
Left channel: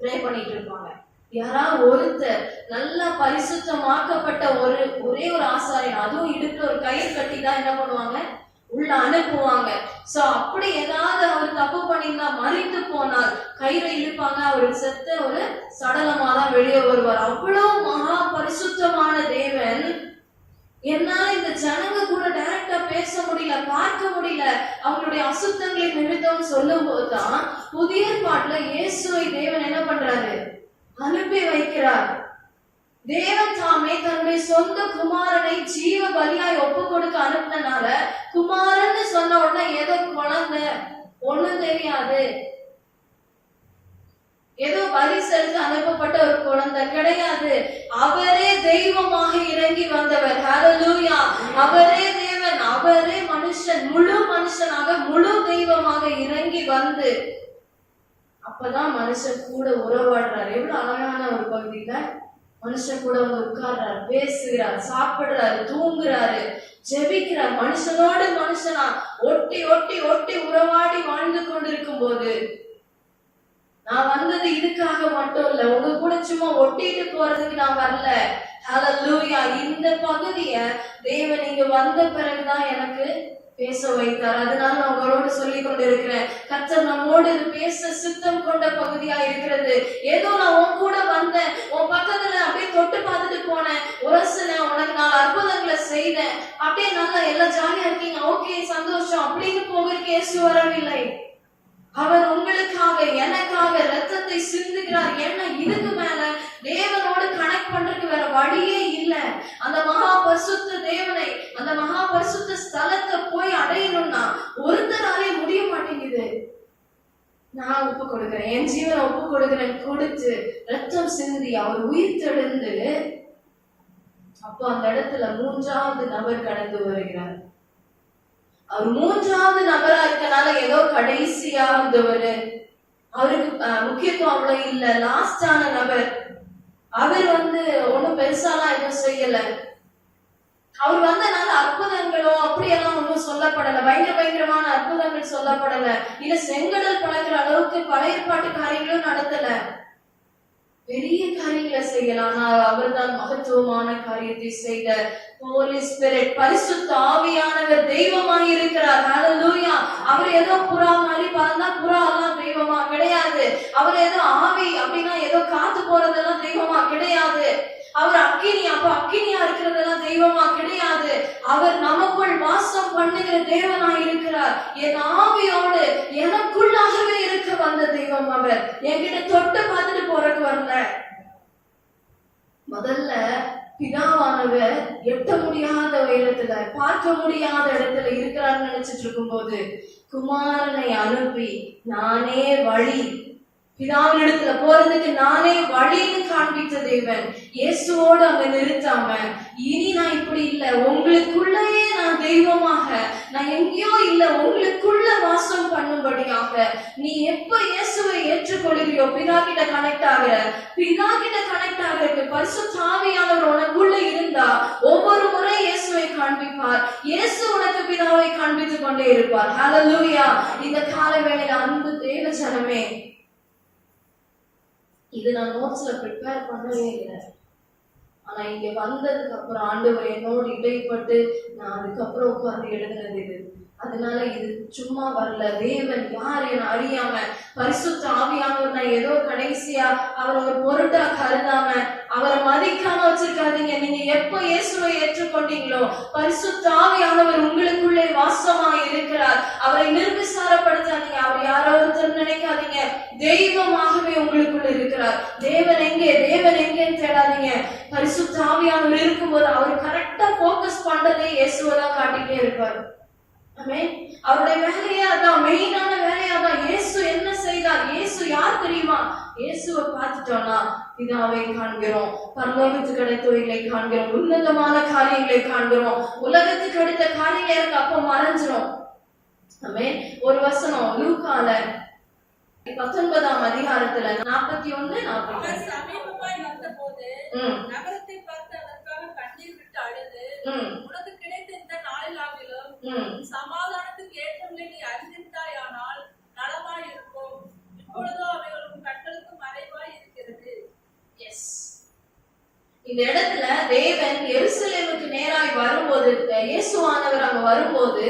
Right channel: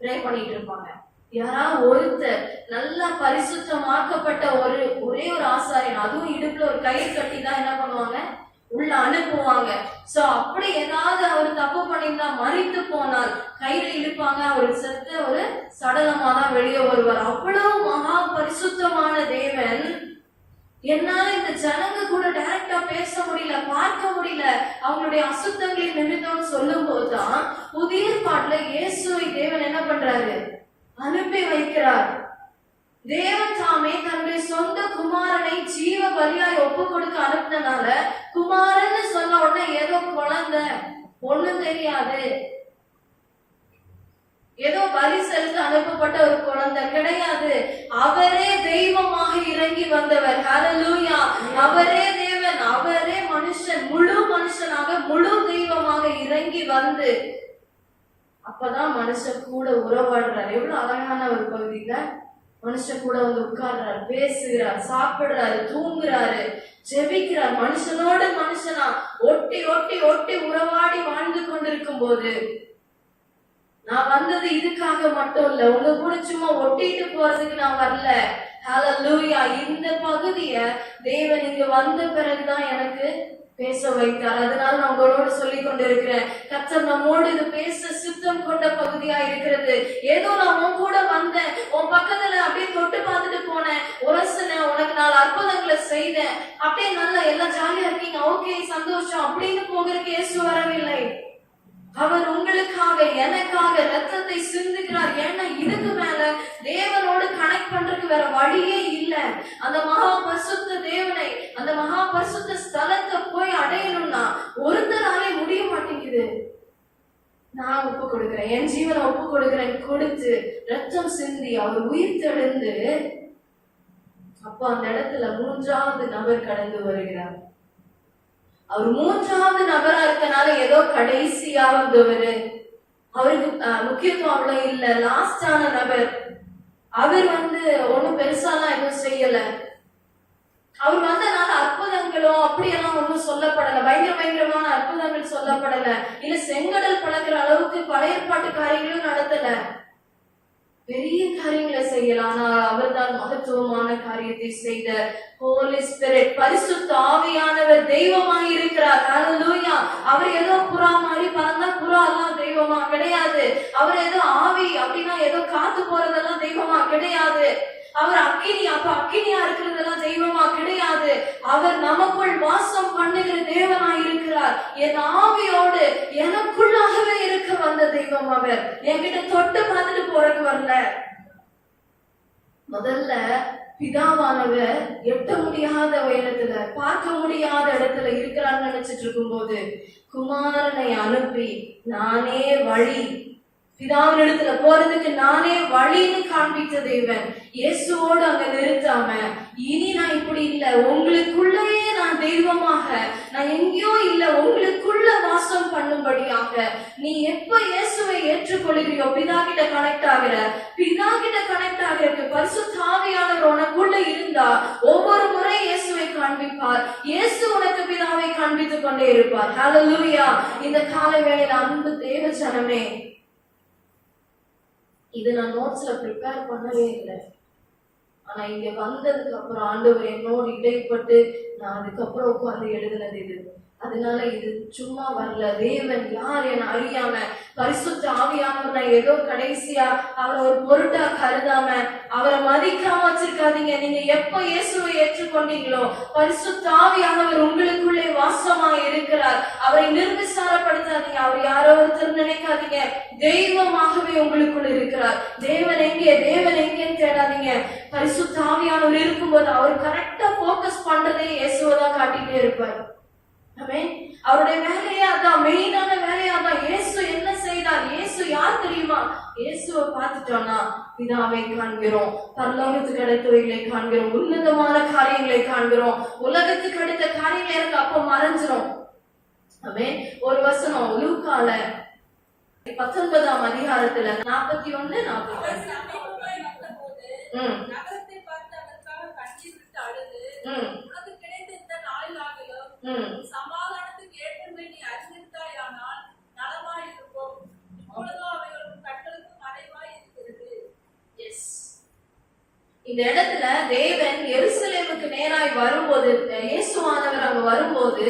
ப்ரே பண்ணிட்டு இருப்பாங்க. யாராவது ஒருத்தர் நல்லா பரிசுத்தமாக்கப்பட்ட ஒரே ஒரு ஆசாரியன், அதுவும் இடுப்புல ஒரு கயிறு கட்டி தான் என்ன பண்ணுவாங்க? உள்ள அனுப்புவாங்க. சோ அப்படி ஏதாவது அவர் தப்பு பண்ணியிருந்தா, மறித்து போனால் கயிறை இழுப்பாங்க. அவர் செத்த ஒரு சடலமா தான் வெளியே வருவார். அவ்வளவு மகா பரிசுத்தமான தேவன், என்னால இந்த ஜனங்க கூட டைரக்டா பேச முடியல, பார்க்க முடியல, அவங்களுடைய அசுத்தங்களின் நிமித்தம் சொல்லும் போதுதான் புதிய பாட்டுல இயேசுவை தேவன் என்ன பண்றாரு? அனுப்பி வைக்கிறார். தேவன் தாமே தன்னுடைய சொந்த குமாரனை ஜீவ பலியாய் ஒப்பு கொடுக்க அனுப்பினால, குமாரன்னு சொன்ன உடனே ஏதோ குழந்தை, ஒண்ணும் தெரியாது, ஏதோ பலி செலுத்த அனுப்பப்பட்ட ஒரு குழந்தை கிடையாது. அவரே தெய்வமாக இறங்கி வந்தவர். ஹல்லேலூயா! அவரே தேவன், அவரே மனுஷன், முழு மனுஷனாக முழு தெய்வமாக இறங்கி வந்து அப்பதான் மனுஷன் கூட உறவாடுறாரு. எவ்வளவு அழகான ஒரு பகுதியில மனுஷன் கூட வந்து உட்கார்றாரு, பேசுகிறார், சாப்பிடுறாரு, தூங்குறாரு, ஜெபிக்கிறார். மனுஷனோடு மனுஷனா ஒட்டி ஒட்டி ஒட்டி உறவாடி வாழ்ந்து கொண்டிருக்கும் போது, நான் வந்தது இதுக்காக மட்டும் இல்ல, உங்க கூட சும்மா ஒட்டிட்டு போறதுக்கு நான் வரல. ஹல்லேலூயா! இந்த பகுதிய தேவன் இங்க வந்த பிறகுதான் எனக்கு பேச வைத்தார். அதனால நான் உங்களோடு சொல்லிக் கொண்டு இருக்கிறேன். கர்த்தர் நம்மோடு இது பேச சித்தம் கொண்ட பகுதியா இருக்கிறது. ஏதோ நான் உன் கூட வந்தேன், உன் பக்கத்துல அப்படியே தொட்டு பார்த்துட்டு போனேன், உரசுனேன், உனக்கு 4 அற்புதங்களை செய்தேன், அப்படியே நல்லா எல்லாம் ஜாலியா இருக்கீங்க, ஓகே சந்தோஷம் அப்படின்னு போகிறதுக்கு இயேசு வரவில்லை. அவர் உங்களுக்காக, எனக்காக ரத்தத்தை சிந்துகிறார். ஏன்னா இதுக்கு மேல தேவனோடு கனெக்ட் பண்றதுக்கு வேற வழியே இல்ல. அந்த மகா பரிசுத்த தேவனை, அந்த மகா பரிசுத்த ஸ்தலத்தை போய் அடையணும்னா ஒருத்தராலே முடிய மாட்டேங்குது. நான் ஒப்பு கொடுக்கிறேன், என் ஜீவனை ஒப்பு கொடுக்கிறேன், கொடுத்து ரத்தம் சிந்தி அவர் உயிர் தெழுந்து, அப்ப அந்த இடத்துல 3வது நபர் கடந்து வருகிறார். அவர் 3வது நபரா இருக்கனால ஏதோ கடைசியா வந்தவரு, அவருக்கு முக்கியத்துவம் அவ்வளவு இல்ல, லாஸ்டான நபர். அவர் ஒண்ணும் பெருசாலாம் எதுவும் செய்யல. அவர் வந்தனால அற்புதங்களோ அப்படியெல்லாம் ஒன்றும் சொல்லப்படல, பயங்கரமான அற்புதங்கள் சொல்லப்படல, இல்ல செங்கடல் பழக்கிற அளவுக்கு பழைய ஏற்பாட்டு காரியங்களும் நடத்தல. பெரிய காரியங்களை செய்யலாம். ஆனால் அவர் தான் மகத்துவமான காரியத்தை செய்த ஹோலி ஸ்பிரிட், பரிசுத்த ஆவியானவர் தெய்வமாக இருக்கிறார். ஹல்லேலூயா! அவர் ஏதோ புறா மாதிரி பறந்தா புறா எல்லாம் தெய்வமா கிடையாது. அவர் ஏதோ ஆவி அப்படின்னா ஏதோ காத்து போறதெல்லாம் தெய்வமா கிடையாது. அவர் அக்கினி, அப்ப அக்கினியா இருக்கிறதெல்லாம் தெய்வமா கிடையாது. அவர் நமக்குள் வாசம் பண்ணுகிற தேவனா இருக்கிறார். என் ஆவியோடு எனக்குள்ளாகவே இருக்க வந்த தெய்வம் அவர். என்கிட்ட தொட்டு பார்த்துட்டு போறதுக்கு வரல. முதல்ல பிதாவானவர் எட்ட முடியாத உயரத்துல, பார்க்க முடியாத இடத்துல இருக்கிறார் நினைச்சிட்டு இருக்கும் போது குமாரனை அனுப்பி, நானே வழி, பிதாவின் இடத்துல போறதுக்கு நானே வழின்னு காண்பித்த தேவன் இயேசுவோடு அங்க நிறுத்தாம, இனி நான் இப்படி இல்ல, உங்களுக்குள்ளேயே நான் தெய்வமாக, நான் எங்கேயோ இல்ல, உங்களுக்குள்ள வாசம் பண்ணும்படியாக, நீ எப்ப இயேசுவை ஏற்றுக்கொள்கிறியோ பிதா கிட்ட கனெக்ட் ஆகிற, பிதா கிட்ட கனெக்ட் ஆகிறதுக்கு பரிசுத்த ஆவியானவர் உனக்குள்ள இருந்தா ஒவ்வொரு முறை இயேசுவை காண்பிப்பார். இயேசு உனக்கு பிதாவை காண்பித்துக் கொண்டே இருப்பார். ஹல்லேலூயா! இந்த காலை வேளையில அன்பு தேவ ஜனமே, இது நான் நோட்ஸ்ல ப்ரிப்பேர் பண்ணவே இல்லை. ஆனா இங்க வந்ததுக்கு அப்புறம் ஆண்டவர் என்னோடு இடைப்பட்டு நான் அதுக்கப்புறம் உட்கார்ந்து எழுதுனது இது. அதனால இது சும்மா வரல. தேவன் யார் என அறியாம, பரிசுத்த ஆவியானவர் நான் ஏதோ கடைசியா அவரை ஒரு பொருட்டா கருதாம, அவரை மதிக்காம வச்சிருக்காதீங்க. நீங்க எப்போ இயேசுவை ஏற்றுக்கொண்டீங்களோ பரிசுத்த ஆவியானவர் உங்களுக்குள்ளே வாசமாய் இருக்கிறார். அவரை நிர்விசாரப்படுத்தாதீங்க. அவர் யாரோ ஒருத்தர் நினைக்காதீங்க. தெய்வமாகவே உங்களுக்குள்ள இருக்கிறார். தேவன் எங்கே, தேவன் எங்கேன்னு தேடாதீங்க. பரிசுத்த ஆவியானவர் இருக்கும்போது அவர் கரெக்டா போக்கஸ் பண்றதே இயேசுவை தான் காட்டிட்டே இருப்பார். அவருடைய வேலையா அதான், மெயினான வேலையா தான். இயேசு என்ன செய்தார், இயேசு இயேசு யார் தெரியுமா? இயேசுவை பார்த்துட்டோம்னா பிதாவை காண்கிறோம், பரலோகத்துக்கு அடுத்தவைகளை காண்கிறோம், உன்னதமான காரியங்களை காண்கிறோம். உலகத்துக்கு அடுத்த காரியங்கள் எனக்கு அப்ப மறைஞ்சிரும். ஆமென். ஒரு வசனம் லூக்கால 19ஆம் அதிகாரத்துல 41, 42. சமீபமாய் வந்தபோது நகரத்தை பார்த்து அதற்காக கண்ணீர் விட்டு அழுது, உனக்கு கிடைத்த இந்த நாளிலாகிலும் சமாதானத்துக்கு ஏற்றங்களை நீ அறிந்திருந்தாயானால் நலமாய் இருக்கும். இப்பொழுதோ அவைகளும் கண்களுக்கு மறைவாய் இருக்கிறது. எஸ், இந்த இடத்துல தேவன் எருசலேமுக்கு நேராய் வரும்போது, இயேசுவானவர் அங்க வரும்போது,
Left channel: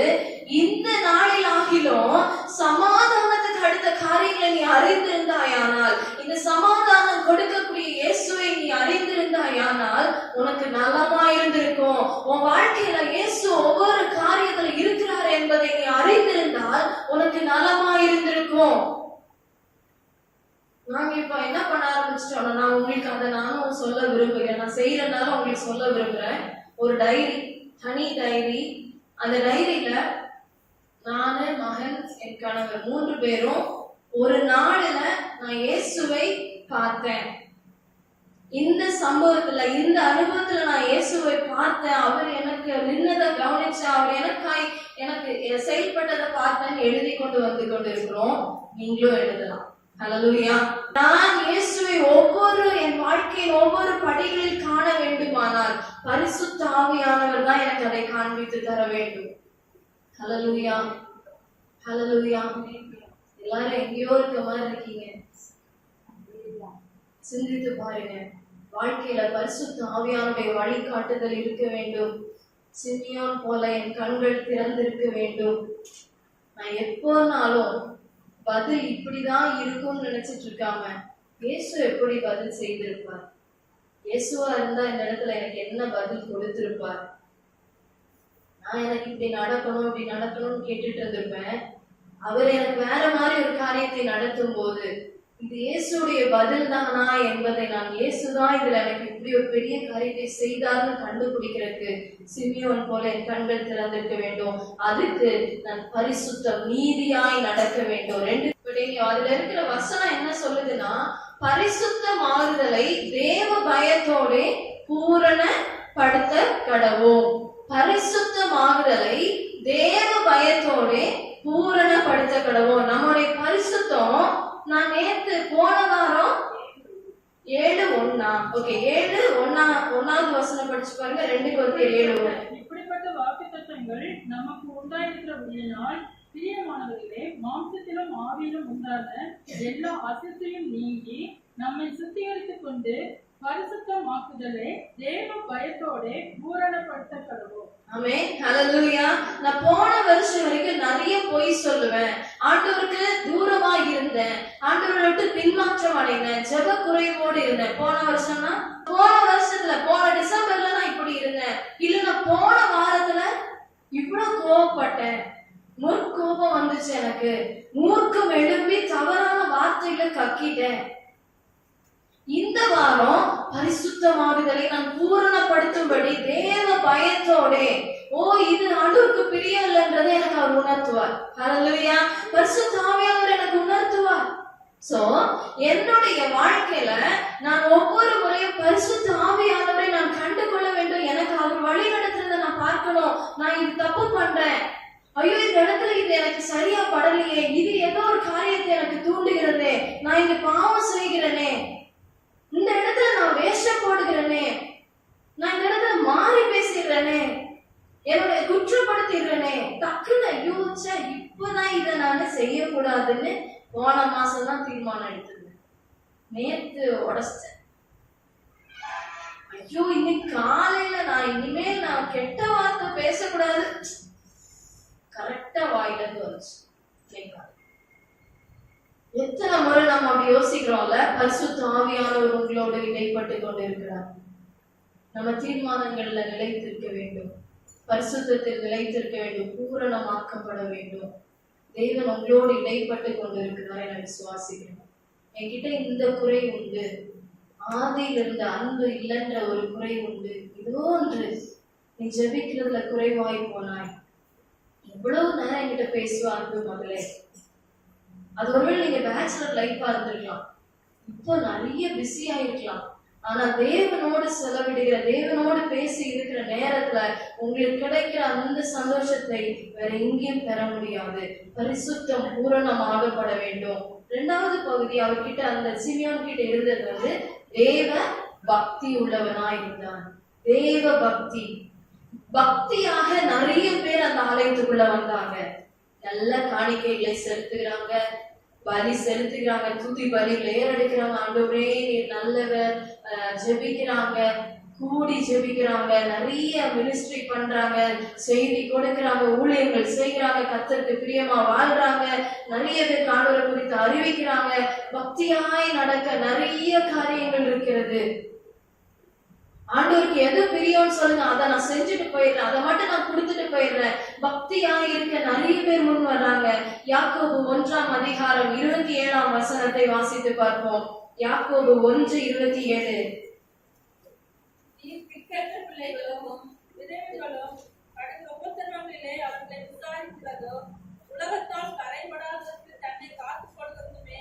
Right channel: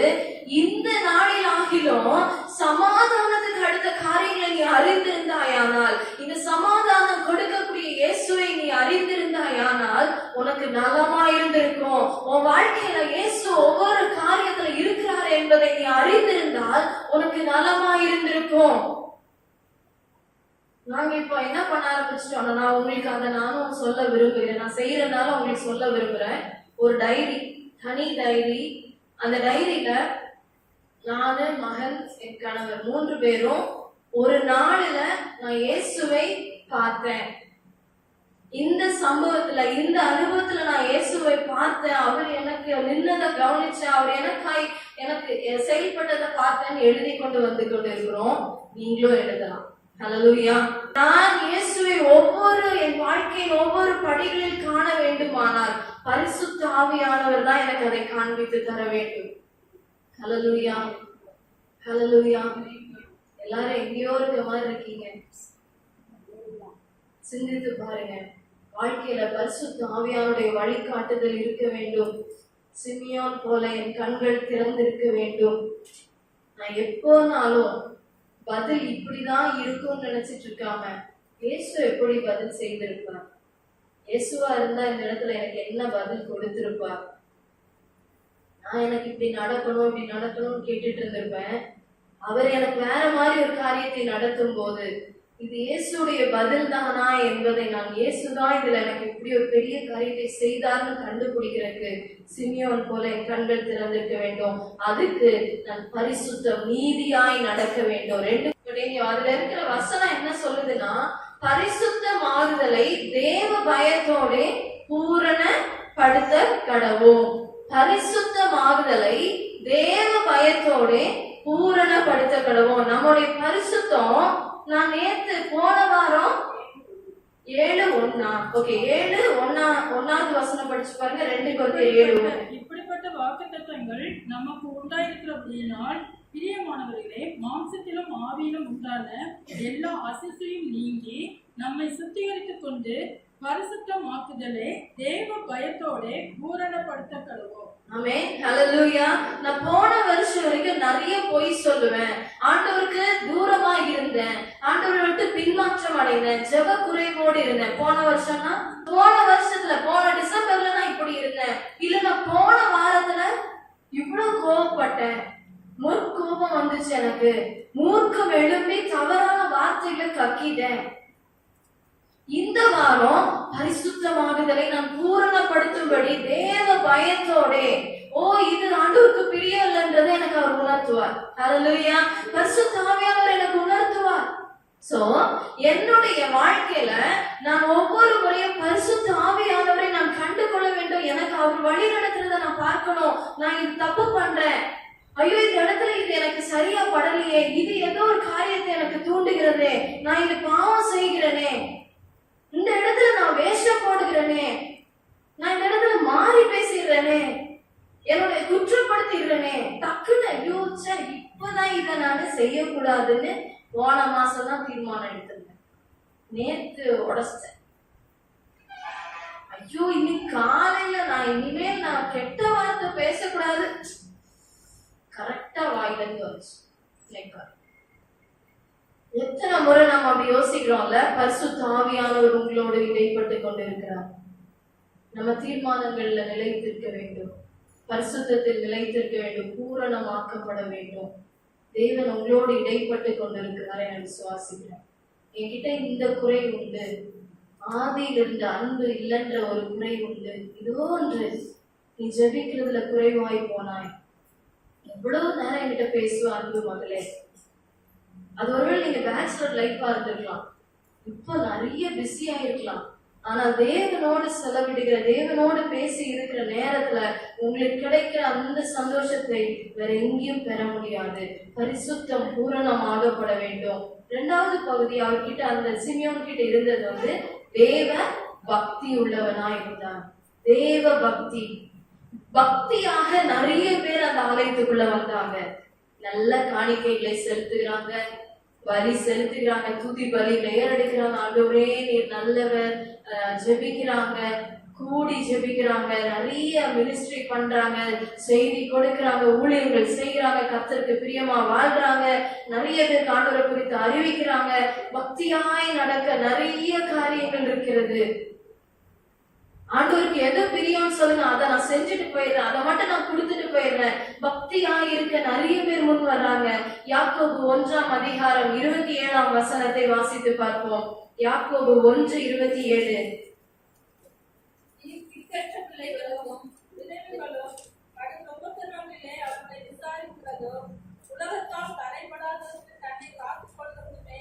இந்த நாளில் ஆகிலும் சமாதானத்துக்கு அடுத்த காரியங்களை நீ அறிந்திருந்தாயானால், இந்த சமாதானம் கொடுக்கக்கூடிய இயேசுவை நீ அறிந்திருந்தாயானால் உனக்கு நலமா இருந்திருக்கும். உன் வாழ்க்கையில இயேசு ஒவ்வொரு காரியத்துல இருக்கிறார் என்பதை நீ அறிந்திருந்தால் உனக்கு நலமா இருந்திருக்கும். நாங்க இப்போ என்ன பண்ண ஆரம்பிச்சிட்டோம்னா, நான் உங்களுக்கு அதை நானும் சொல்ல விரும்புகிறேன், நான் செய்யறதுனால உங்களுக்கு சொல்ல விரும்புறேன். ஒரு டைரி, தனி டைரி. அந்த டைரியில நானு, மகன், என் கணவர் 3 பேரும் ஒரு நாள்ல நான் இயேசுவை பார்த்தேன், இந்த சம்பவத்துல, இந்த அனுபவத்துல நான் இயேசுவை பார்த்தேன், அவர் எனக்கு நின்னதை கவனிச்சேன், அவர் எனக்கு செயல்பட்டதை பார்த்தேன்னு எழுதி கொண்டு வந்து கொண்டு இருக்கிறோம். நீங்களும் எழுதலாம். ஹல்லேலூயா. நான் இயேசுவை என் வாழ்க்கையின் ஒவ்வொரு படிகளில் காண வேண்டுமானால் பரிசுத்த ஆவியானவர் தான் எனக்கு அதை காண்பித்து தர வேண்டும். ஹல்லேலூயா, ஹல்லேலூயா. எல்லாரும் எங்கேயோ இருக்க மாதிரி இருக்கீங்க. சிந்தித்து பாருங்க. வாழ்க்கையில பரிசுத்த ஆவியானுடைய வழிகாட்டுதல் இருக்க வேண்டும். சிமியோன் போல என் கண்கள் திறந்திருக்க வேண்டும். நான் எப்போனாலும் பதில் இப்படிதான் இருக்கும்னு நினைச்சிட்டு இருக்காம, இயேசு எப்படி பதில் செய்திருப்பார், இயேசுவா இருந்தா இந்த இடத்துல எனக்கு என்ன பதில் கொடுத்திருப்பார், நான் எனக்கு இப்படி நடக்கணும்னு கேட்டுட்டு இருந்திருப்பேன். அவர் எனக்கு வேற மாதிரி ஒரு காரியத்தை நடத்தும் போது இது இயேசுடைய பதில் தானா என்பதை, நான் இயேசுதான் இதுல எனக்கு இப்படி ஒரு பெரிய காரியத்தை செய்தார்னு கண்டுபிடிக்கிறதுக்கு சிமியோன் போல என் கண்கள் திறந்திருக்க வேண்டும். அதுக்கு நான் பரிசுத்தம், நீதியாய் நடக்க வேண்டும். அதுல இருக்கிற வசனம் என்ன சொல்லுதுன்னா, பரிசுத்தமாகுதலை தேவ பயத்தோட பூரணப்படுத்த கடவோம். பரிசுத்தமாகுதலை தேவ பயத்தோட பூரணப்படுத்த கடவோம். நம்முடைய பரிசுத்தம், நான் நேத்து போன வாரம் 7:1 ஓகே 7:1 வசனம் படிச்சு பாருங்க. 2 Corinthians 7:1. இப்படிப்பட்ட வாக்குத்தத்தங்கள் நமக்கு உண்டாயிருக்கிறபடியினால் பிரியமானவர்களே, மாம்சத்திலும் ஆவியிலும் உண்டான எல்லா அசையும் நீங்கி நம்மை சுத்திகரித்துக் கொண்டு பரிசுத்தமாக்குதலே தேவ பயத்தோட பூரணப்படுத்த கடவோம். ஆமென், ஹல்லேலூயா. நான் போன வருஷம் வரைக்கும் நிறைய பொய் சொல்லுவேன், ஆண்டவருக்கு தூரமா இருந்தேன், ஆண்டவரை விட்டு பின்மாற்றம் அடைந்தேன், ஜெப குறைவோடு இருந்தேன். போன வருஷத்துல போன டிசம்பர்ல நான் இப்படி இருந்தேன், இல்ல நான் போன வாரத்துல இவ்வளவு கோபப்பட்டேன், முற்கோபம் வந்துச்சு எனக்கு, மூர்க்கம் எழும்பி தவறான வார்த்தைகளை கக்கிட்டேன். இந்த வாரம் பரிசுத்தமாகுதலை நான் பூரணப்படுத்தும்படி தேவ பயத்தோட, இது ஆண்டவருக்கு பிரியம் இல்லைன்றதை எனக்கு அவர் உணர்த்துவார். ஹல்லேலூயா. பரிசுத்த ஆவியானவர் எனக்கு உணர்த்துவார். சோ என்னுடைய வாழ்க்கையில நான் ஒவ்வொரு முறையும் பரிசுத்த ஆவியானவரை நான் கண்டு கொள்ள வேண்டும். எனக்கு அவர் வழி நடத்துறதை நான் பார்க்கணும். நான் இது தப்பு பண்றேன், ஐயோ இந்த இடத்துல இது எனக்கு சரியா படலையே, இது ஏதோ ஒரு காரியத்தை எனக்கு தூண்டுகிறதே, நான் இங்க பாவம் செய்கிறேனே, இந்த இடத்துல நான் வேஷம் போடுகிறேனே, நான் இந்த இடத்துல மாறி பேசிடுறேனே, என்னோட குற்றப்படுத்திடுறேனே, டக்குன்னு யோசிச்சா இப்பதான் இதை நான் செய்யக்கூடாதுன்னு போன மாசம் தான் தீர்மானம் எடுத்திருந்தேன். நேத்து உடச்சிட்டேன். ஐயோ இன்னைக்கு காலையில நான் இனிமேல் நான் கெட்ட வார்த்தை பேசக்கூடாது, கரெக்டா வாயில இருந்து வந்துச்சு. எத்தனை முறை நம்ம அப்படி யோசிக்கிறோம்ல. பரிசுத்த ஆவியானவர் உங்களோடு இடைப்பட்டு கொண்டு இருக்கிறார். நம்ம தீர்மானங்கள்ல நிலைத்திருக்க வேண்டும், பரிசுத்தத்தில் நிலைத்திருக்க வேண்டும், பூரணமாக்கப்பட வேண்டும். தேவன் உங்களோடு இடைப்பட்டு கொண்டிருக்கிறார் என விசுவாசிக்கிறேன். என்கிட்ட இந்த குறை உண்டு, ஆதியில் இருந்த அன்பு இல்லைன்ற ஒரு குறை உண்டு, இதோ ஒன்று, நீ ஜெபிக்கிறதுல குறைவாய் போனாய். எவ்வளவு நேரம் என்கிட்ட பேசுவ அன்பு மகளே, அது ஒருவேளை நீங்க பேச்சுலர் லைஃபா இருந்திருக்கலாம், இப்போ நிறைய பிஸியா இருக்கலாம். ஆனா தேவனோடு செலவிடுகிற, தேவனோடு பேசி இருக்கிற நேரத்துல உங்களுக்கு கிடைக்கிற அந்த சந்தோஷத்தை வேற எங்கேயும் பெற முடியாது. பரிசுத்தம் பூரணமாகப்பட வேண்டும். இரண்டாவது பகுதி அவர்கிட்ட, அந்த சிமியோன் கிட்ட இருந்தது தேவ பக்தி உள்ளவனாய் இருந்தான். தேவ பக்தி, பக்தியாக நிறைய பேர் அந்த ஆலயத்துக்குள்ள வந்தாங்க. நல்ல காணிக்கைகளை செலுத்துகிறாங்க, பலி செலுத்துகிறாங்க, துதி பலி ஏறெடுக்கிறாங்க. ஆண்டவரே நீர் நல்லவர், ஜெபிக்கிறாங்க, கூடி ஜெபிக்கிறாங்க, நிறைய மினிஸ்ட்ரி பண்றாங்க, செய்தி கொடுக்கிறாங்க, ஊழியங்கள் செய்கிறாங்க, கர்த்தருக்கு பிரியமா வாழ்றாங்க, நிறைய பேர் ஆண்டவரை குறித்து அறிவிக்கிறாங்க. பக்தியாய் நடக்க நிறைய காரியங்கள் இருக்கிறது. ஆண்டவருக்கு எது பிரியம்னு சொல்லுங்க, அதை நான் செஞ்சுட்டு போயிடுறேன், அதை மட்டும் நான் கொடுத்துட்டு போயிடுறேன். பக்தியாய் இருக்க நிறைய பேர் முன் வர்றாங்க. யாக்கோபு 1ஆம் அதிகாரம் 27ஆம் வசனத்தை வாசித்து பார்ப்போம். யாக்கோபு 1:27. திக்கற்ற பிள்ளைகளும் விதவைகளும் கடும் உபத்திரவங்களிலே அவர்களை விசாரிக்கிறதும் உலகத்தால் கரைபடாததற்கு தன்னை காத்துக் கொள்வதுமே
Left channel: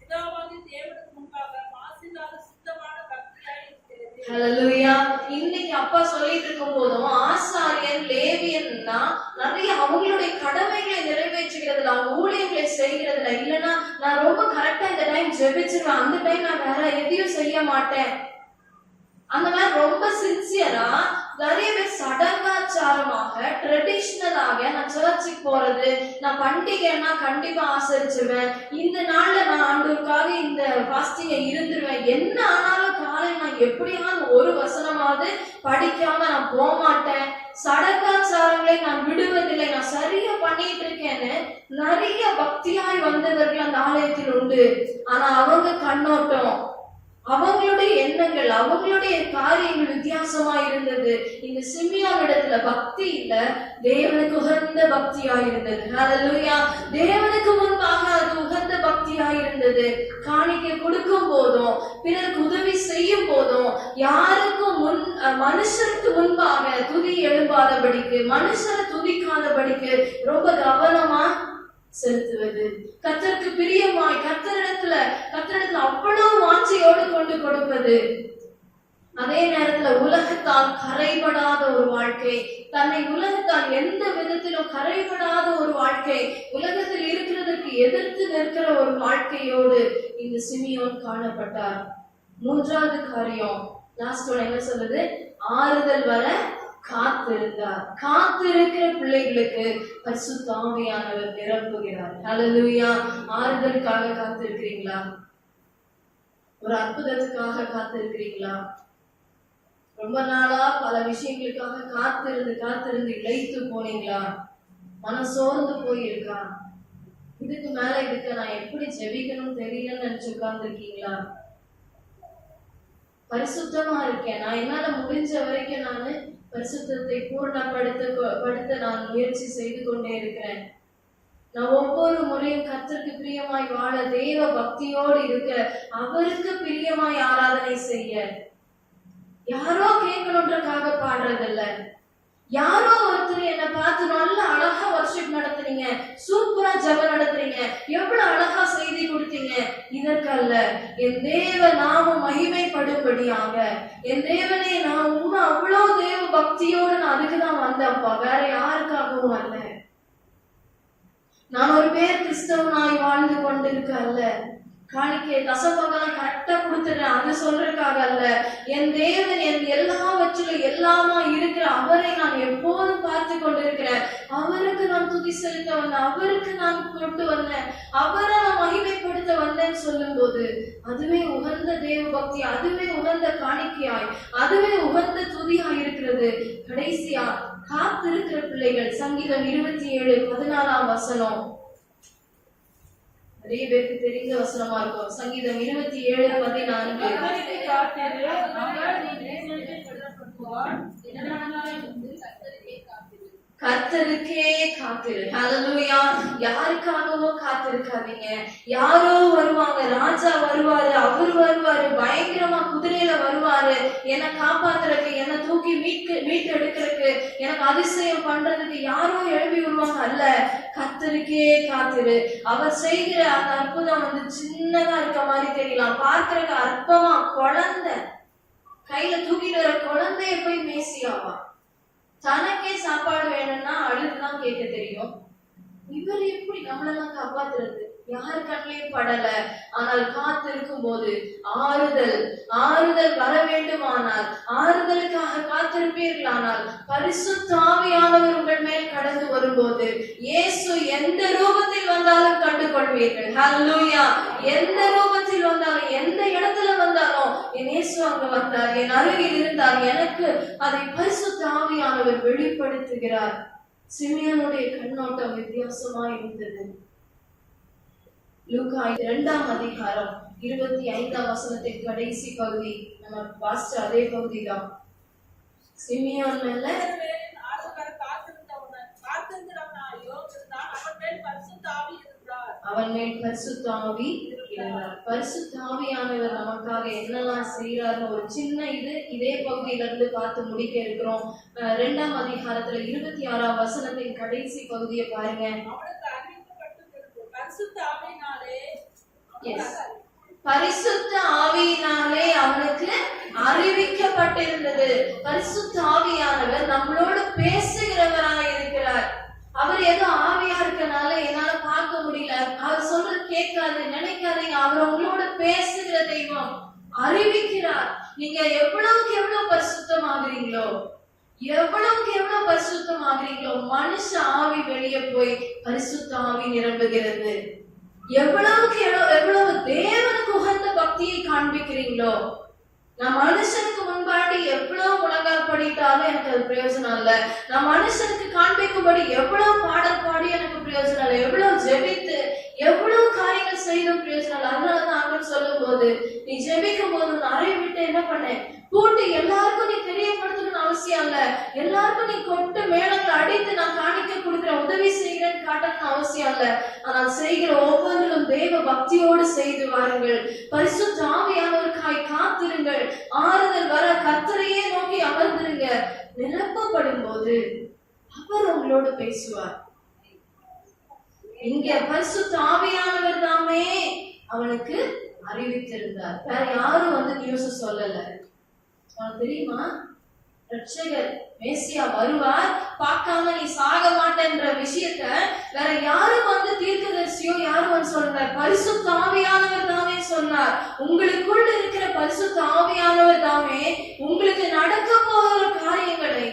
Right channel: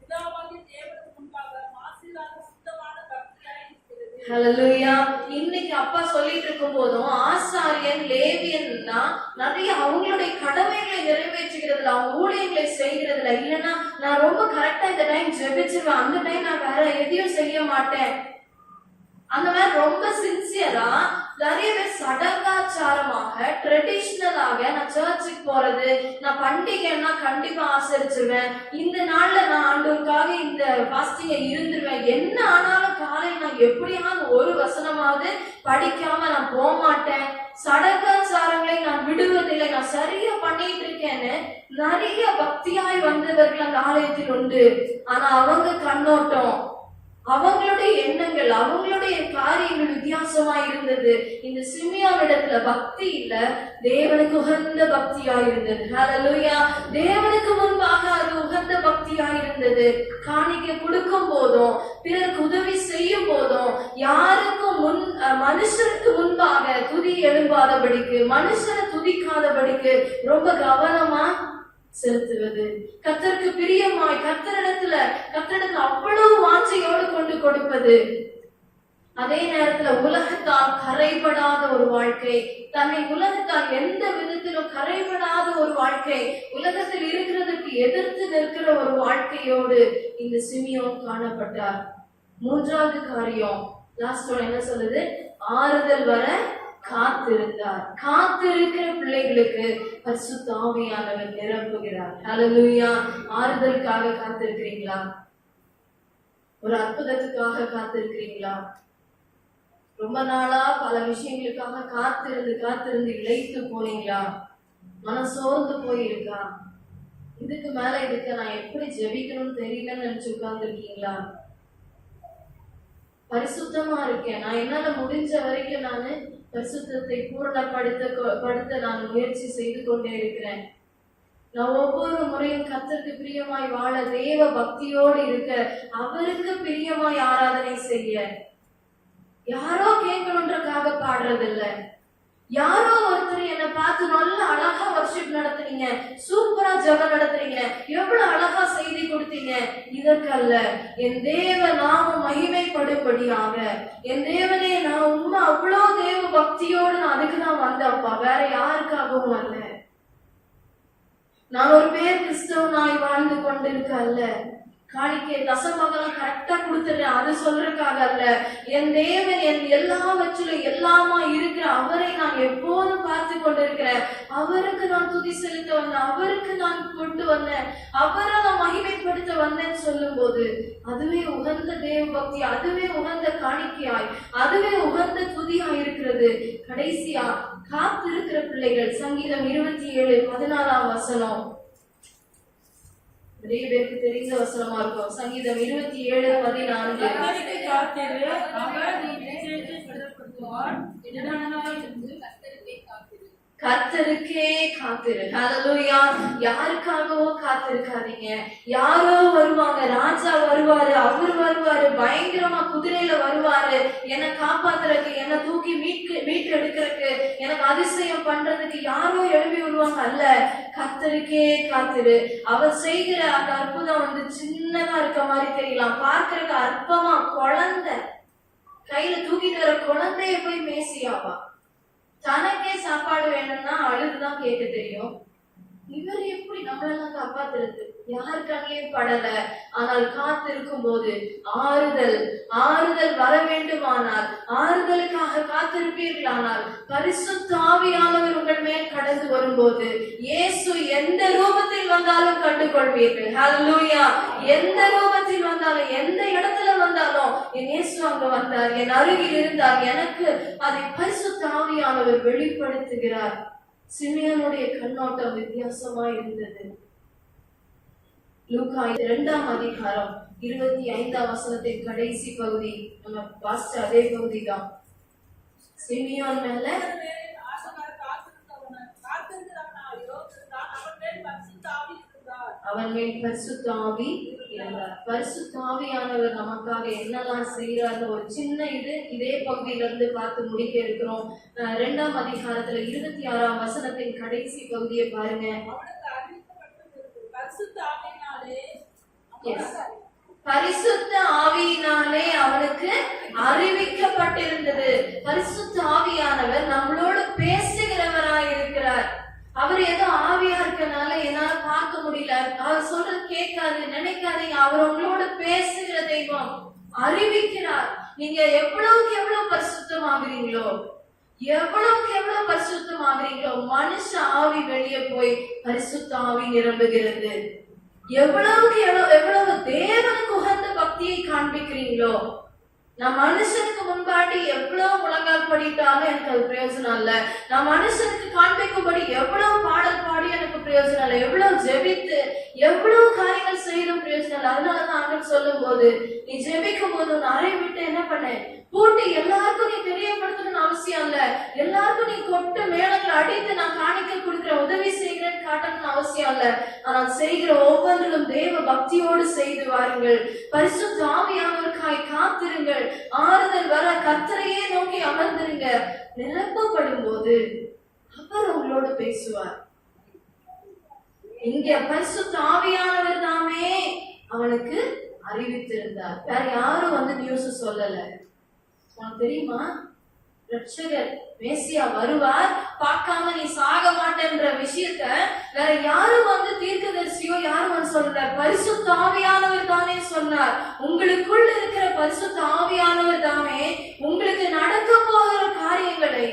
பிதாவாகிய தேவனுக்கு முன்பாக மாசில்லாத சுத்தமான பக்தியாய் இருக்கிறது. ஹல்லேலூயா. இன்னைக்கு அப்பா சொல்லிட்டு இருக்கும் போதும் ஆசாரியன் லேவியன்னா நிறைய அவங்களுடைய கடமைகளை நிறைவேற்றுகிறதுல, அவங்க ஊழியர்களை செய்கிறதுல, இல்லைன்னா நான் ரொம்ப கரெக்டா இந்த டைம் ஜெபிச்சிருவேன், அந்த டைம் நான் வேற எதையும் செய்ய மாட்டேன், அந்த மாதிரி ரொம்ப சின்சியரா நிறைய பேர் சடங்காச்சாரமாக ட்ரெடிஷ்னலாக நான் சர்ச்சுக்கு போறது, நான் பண்டிகைன்னா கண்டிப்பா ஆசரிச்சிருவேன், இந்த நாள்ல நான் ஆண்டவருக்காக இந்த ஃபாஸ்டிங்க இருந்துருவேன், என்ன ஆனாலும் காலை நான் எப்படியாவது ஒரு வசனமாவது படிக்காம நான் போக மாட்டேன், சடங்காச்சாரங்களை நான் விடுவதில்லை, நான் சரியா பண்ணிட்டு இருக்கேன்னு நிறைய பக்தியாய் வந்தவர்கள் அந்த ஆலயத்தில் உண்டு. ஆனா அவங்க கண்ணோட்டம், அவங்களுடைய எண்ணங்கள், அவங்களுடைய காரியங்கள் வித்தியாசமா இருந்தது. இந்த சிமியோன் இடத்துல பக்தி இல்ல, தேவனுக்கு உகந்த பக்தியா இருந்தது. ஹல்லேலூயா. தேவனுக்கு முன்பாக அது உகந்த பக்தியா இருந்தது. காணிக்கை கொடுக்கும் போதும், பிறருக்கு உதவி செய்யும் போதும், யாருக்கும் மனுஷருக்கு முன்பாக துதி எழும்பாதபடிக்கு, மனுஷரை துதிக்காதபடிக்கு ரொம்ப கவனமா செலுத்துவது, கர்த்தருக்கு பிரியமாய் கர்த்தரிடத்துல அவ்வளவு வாஞ்சையோடு கொண்டு கொடுப்பது. அதே நேரத்துல உலகத்தால் கரைபடாத ஒரு வாழ்க்கை, தன்னை உலகத்தால் எந்த விதத்திலும் கரைபடாத ஒரு வாழ்க்கை, உலகத்தில் இருக்கிறதற்கு எதிர்த்து நிற்கிற ஒரு வாழ்க்கையோடு இந்த சிமியோன் காணப்பட்டார். மூன்றாவது காரியம், லாஸ்ட் ஒன் என்ன சொல்லுது? ஆறுதல் வர காத்திருந்தார். காத்திருக்கிற பிள்ளைகளுக்கு பரிசுத்த ஆவியானவர் நிரப்புகிறார். ஹல்லேலூயா. ஆறுதலுக்காக காத்திருக்கிறீங்களா? ஒரு அற்புதத்துக்காக காத்திருக்கிறீங்களா? ரொம்ப நாளா பல விஷயங்களுக்காக காத்திருந்து இழைத்து போனீங்களா? மனம் சோர்ந்து போயிருக்கா? இதுக்கு மேல இதுக்கு நான் எப்படி ஜெபிக்கணும்னு தெரியலன்னு நினைச்சு உட்கார்ந்துருக்கீங்களா? பரிசுத்தமா இருக்கேன், நான் என்னால முடிஞ்ச வரைக்கும் நானு பரிசுத்தத்தை பூர்ணப்படுத்த நான் முயற்சி செய்து கொண்டே இருக்கிறேன். நான் ஒவ்வொரு முறையும் கர்த்தருக்கு பிரியமாய் வாழ, தேவ பக்தியோடு இருக்க, அவருக்கு பிரியமாய் ஆராதனை செய்ய, யாரோ கேட்கணுன்றக்காக பாடுறதில்ல, யாரோ ஒருத்தர் என்னை பார்த்து நல்ல அழகா வர்ஷிப் நடத்துறீங்க, சூப்பரா ஜெபம் நடத்துறீங்க, எவ்வளவு அழகா செய்தி கொடுத்தீங்க, இதற்கல்ல. என் தேவ நாமம் மகிமைப்படும்படியாக, என் தேவனே நான் உண்மை அவ்வளவு தேவ பக்தியோடு நான் அதுக்குதான் வந்தப்பா, வேற யாருக்காகவும் அல்ல. நான் ஒரு பேர் கிறிஸ்தவனாய் வாழ்ந்து கொண்டிருக்க அல்ல, காணிக்கை தசமங்கலம் கரெக்டா கொடுத்துடுறேன் அது சொல்றதுக்காக அல்ல. என் தேவன் என் எல்லாவற்றிலும் எல்லாமா இருக்கிற அவரை நான் எப்போதும் பார்த்து கொண்டிருக்கிறேன். அவருக்கு நான் துதி செலுத்த வந்தேன், அவருக்கு நான் கொண்டு வந்தேன், அவரை நான் மகிமைப்படுத்த வந்தேன்னு சொல்லும் போது அதுவே உகந்த தேவ பக்தி, அதுவே உகந்த காணிக்கையாய், அதுவே உகந்த துதியாய் இருக்கிறது. கடைசியா காத்திருக்கிற பிள்ளைகள், சங்கீதம் 27:14 வசனம் நிறைய பேருக்கு தெரிந்த வசனமா இருக்கும். சங்கீதம் 27:14. கர்த்தருக்கே காத்திரு. ஹல்லேலூயா. யாருக்காகவோ காத்திருக்காதீங்க. யாரோ வருவாங்க, ராஜா வருவாரு, அவரு வருவாரு, பயங்கரமா குதிரையில வருவாரு, என்னை காப்பாத்துறதுக்கு, என்னை தூக்கி மீட்டு எடுக்கிறதுக்கு, எனக்கு அதிசயம் பண்றதுக்கு யாரோ எழுப்பி வருவாங்க அல்ல. கர்த்தருக்கே காத்திரு. அவர் செய்கிற அந்த அற்புதம் சின்னதா இருக்க மாதிரி தெரியலாம், பார்க்கறதுக்கு அற்பமா, குழந்தை கையில தூக்கிட்டு வர குழந்தைய போய் மேசியாவா, தனக்கே சாப்பாடு வேணும்னா அழுதுதான் கேட்க தெரியும். இவர் எப்படி நம்மளெல்லாம் காப்பாத்துறது? யார் கண்ணிலையும் படல. ஆனால் காத்திருக்கும் போது ஆறுதல் வர வேண்டுமானால், ஆறுதலுக்காக காத்திருப்பீர்களானால், பரிசுத்த ஆவியானவர் உங்கள் மேல் கடந்து வரும்போது இயேசு எந்த ரூபத்தில் வந்தாலும் கண்டு கொள்வீர்கள். ஹல்லேலூயா. எந்த ரூபத்தில் வந்தாலும், எந்த இடத்துல வந்தாலும், என் இயேசு அங்க வந்தார், என் அருகில் இருந்தார், எனக்கு அதை பரிசுத்த ஆவியானவர் வெளிப்படுத்துகிறார். சிமியோனுடைய கண்ணோட்டம் வித்தியாசமா இருந்தது. லூக்கா 2ஆம் அதிகாரம் 25ஆம் வசனத்தின் கடைசி பகுதி நம்ம வாசிச்ச அதே பகுதி தான். சிமியோன் மேல அவன் மேல் பரிசுத்த ஆவி இருந்தார். பரிசுத்த ஆவியானவர் நமக்காக என்னெல்லாம் செய்யறாரு ஒரு சின்ன இதே பகுதியில இருந்து பார்த்து முடிக்க இருக்கிறோம். 2ஆம் அதிகாரத்துல 26ஆம் வசனத்தின் கடைசி பகுதியை பாருங்க. பரிசுத்த ஆவியினாலே அவனுக்கு அறிவிக்கப்பட்டிருந்தது. பரிசுத்த ஆவியானவர் நம்மளோடு பேசுகிறவராய் இருக்கிறார். அவர் ஏதோ ஆவியா இருக்கனால என்னால பார்க்க முடியல, அவர் சொல்றது கேட்காது நினைக்காதீங்க. அவர் உங்களோட பேசுகிற தெய்வம், அறிவிக்கிறார். நீங்க எவ்வளவுக்கு எவ்வளவு பரிசுத்தமாகிறீங்களோ, எவ்வளவுக்கு எவ்வளவு பரிசுத்தமாகிறீங்களோ, மனுஷ ஆவி வெளியே போய் பரிசுத்த ஆவி நிரம்புகிறது. எவ்வளவுக்கு எவ்வளவு தேவனுக்கு உகந்த பக்தியை காண்பிக்கிறீங்களோ, நான் மனுஷனுக்கு முன்பாடி எவ்வளவு முழங்கால் படித்தாலும் எனக்கு அது பிரயோஜனம் இல்ல. நான் மனுஷனுக்கு காண்பிக்கும்படி எவ்வளவு பாடல் பாடி எனக்கு பிரயோஜனம் இல்லை, எவ்வளவு ஜெபித்து எவ்வளவு காரியங்கள் செய்தும் பிரயோஜனம் இல்லை. அதனாலதான் ஆண்டவர் சொல்லும் போது, நீ ஜெபிக்கும் போது அறை விட்டு என்ன பண்ண கூட்டி எல்லாருக்கும் நீ தெரியப்படுத்தணும்னு அவசியம் இல்ல. எல்லாருக்கும் நீ கொட்டு மேளங்களை அடித்து நான் காணிக்க கொடுக்கிற உதவி செய்கிறேன்னு காட்டணும்னு அவசியம் இல்ல. ஆனால் செய்கிற ஒவ்வொன்றிலும் தேவ பக்தியோடு செய்து வாருங்கள். பரிசுத்த ஆவியானவருக்காய் காத்திருங்கள். ஆறுதல் வர கர்த்தரையே நோக்கி அமர்ந்திருங்க. நிரப்பப்படும் போது அவர் உங்களோடு பேசுவார். இங்க பரிசுத்த ஆவியானவர் தாமே அவனுக்கு அறிவித்திருந்தார். வேற யாரும் நியூஸ் சொல்லல. உனக்கு தெரியுமா, ரட்சகர் மேசியா வருவார், பார்க்காம நீ சாக மாட்டேன்ற விஷயத்த வேற யாரும் தீர்க்கதரிசியோ யாரும் சொல்லல, பரிசுத்த ஆவியானவர் தானே சொன்னார். உங்களுக்குள் இருக்கிற பரிசுத்த ஆவியானவர் தாமே உங்களுக்கு நடக்க போகிற காரியங்களை,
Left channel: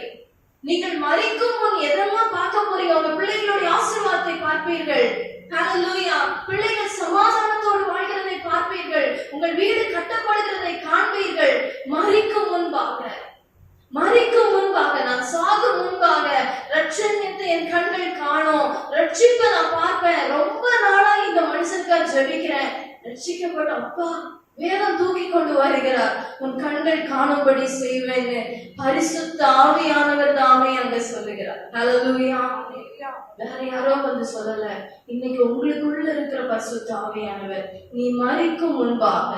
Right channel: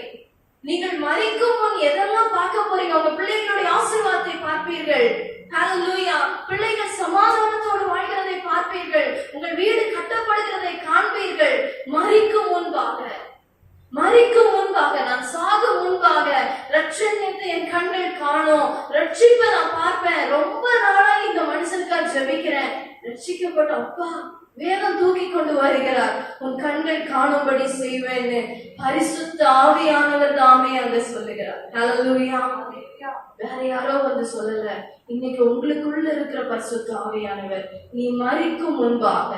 நீங்கள் மரிக்கும் முன் எதெல்லாம் பார்க்க போறீங்க, உங்க பிள்ளைகளுடைய ஆசீர்வாதத்தை பார்ப்பீர்கள். ஹல்லேலூயா. பிள்ளைகள் சமாதானத்தோடு வாழ்கிறதை பார்ப்பீர்கள். உங்கள் வீடு கட்டப்படுகிறதை காண்பீர்கள். மரிக்கும் முன்பாக நான் சாகும் முன்பாக ரட்சணியத்தை என் கண்கள் காணும், ரட்சிப்பை நான் பார்ப்பேன். ரொம்ப நாளா இந்த மனுஷனுக்காக ஜெபிக்கிறேன், ரட்சிக்கப்பட்ட அப்பா வேகம் தூக்கி கொண்டு வருகிறார், உன் கண்கள் காணும்படி செய்வேன்னு பரிசுத்த ஆவியானவர் தாமே அங்க சொல்லுகிறார். ஹல்லேலூயா. வேற யாரோ சொல்லல. இன்னைக்கு உங்களுக்குள்ள இருக்கிற பரிசுத்த ஆவியானவர், நீ மரிக்கும் முன்பாக,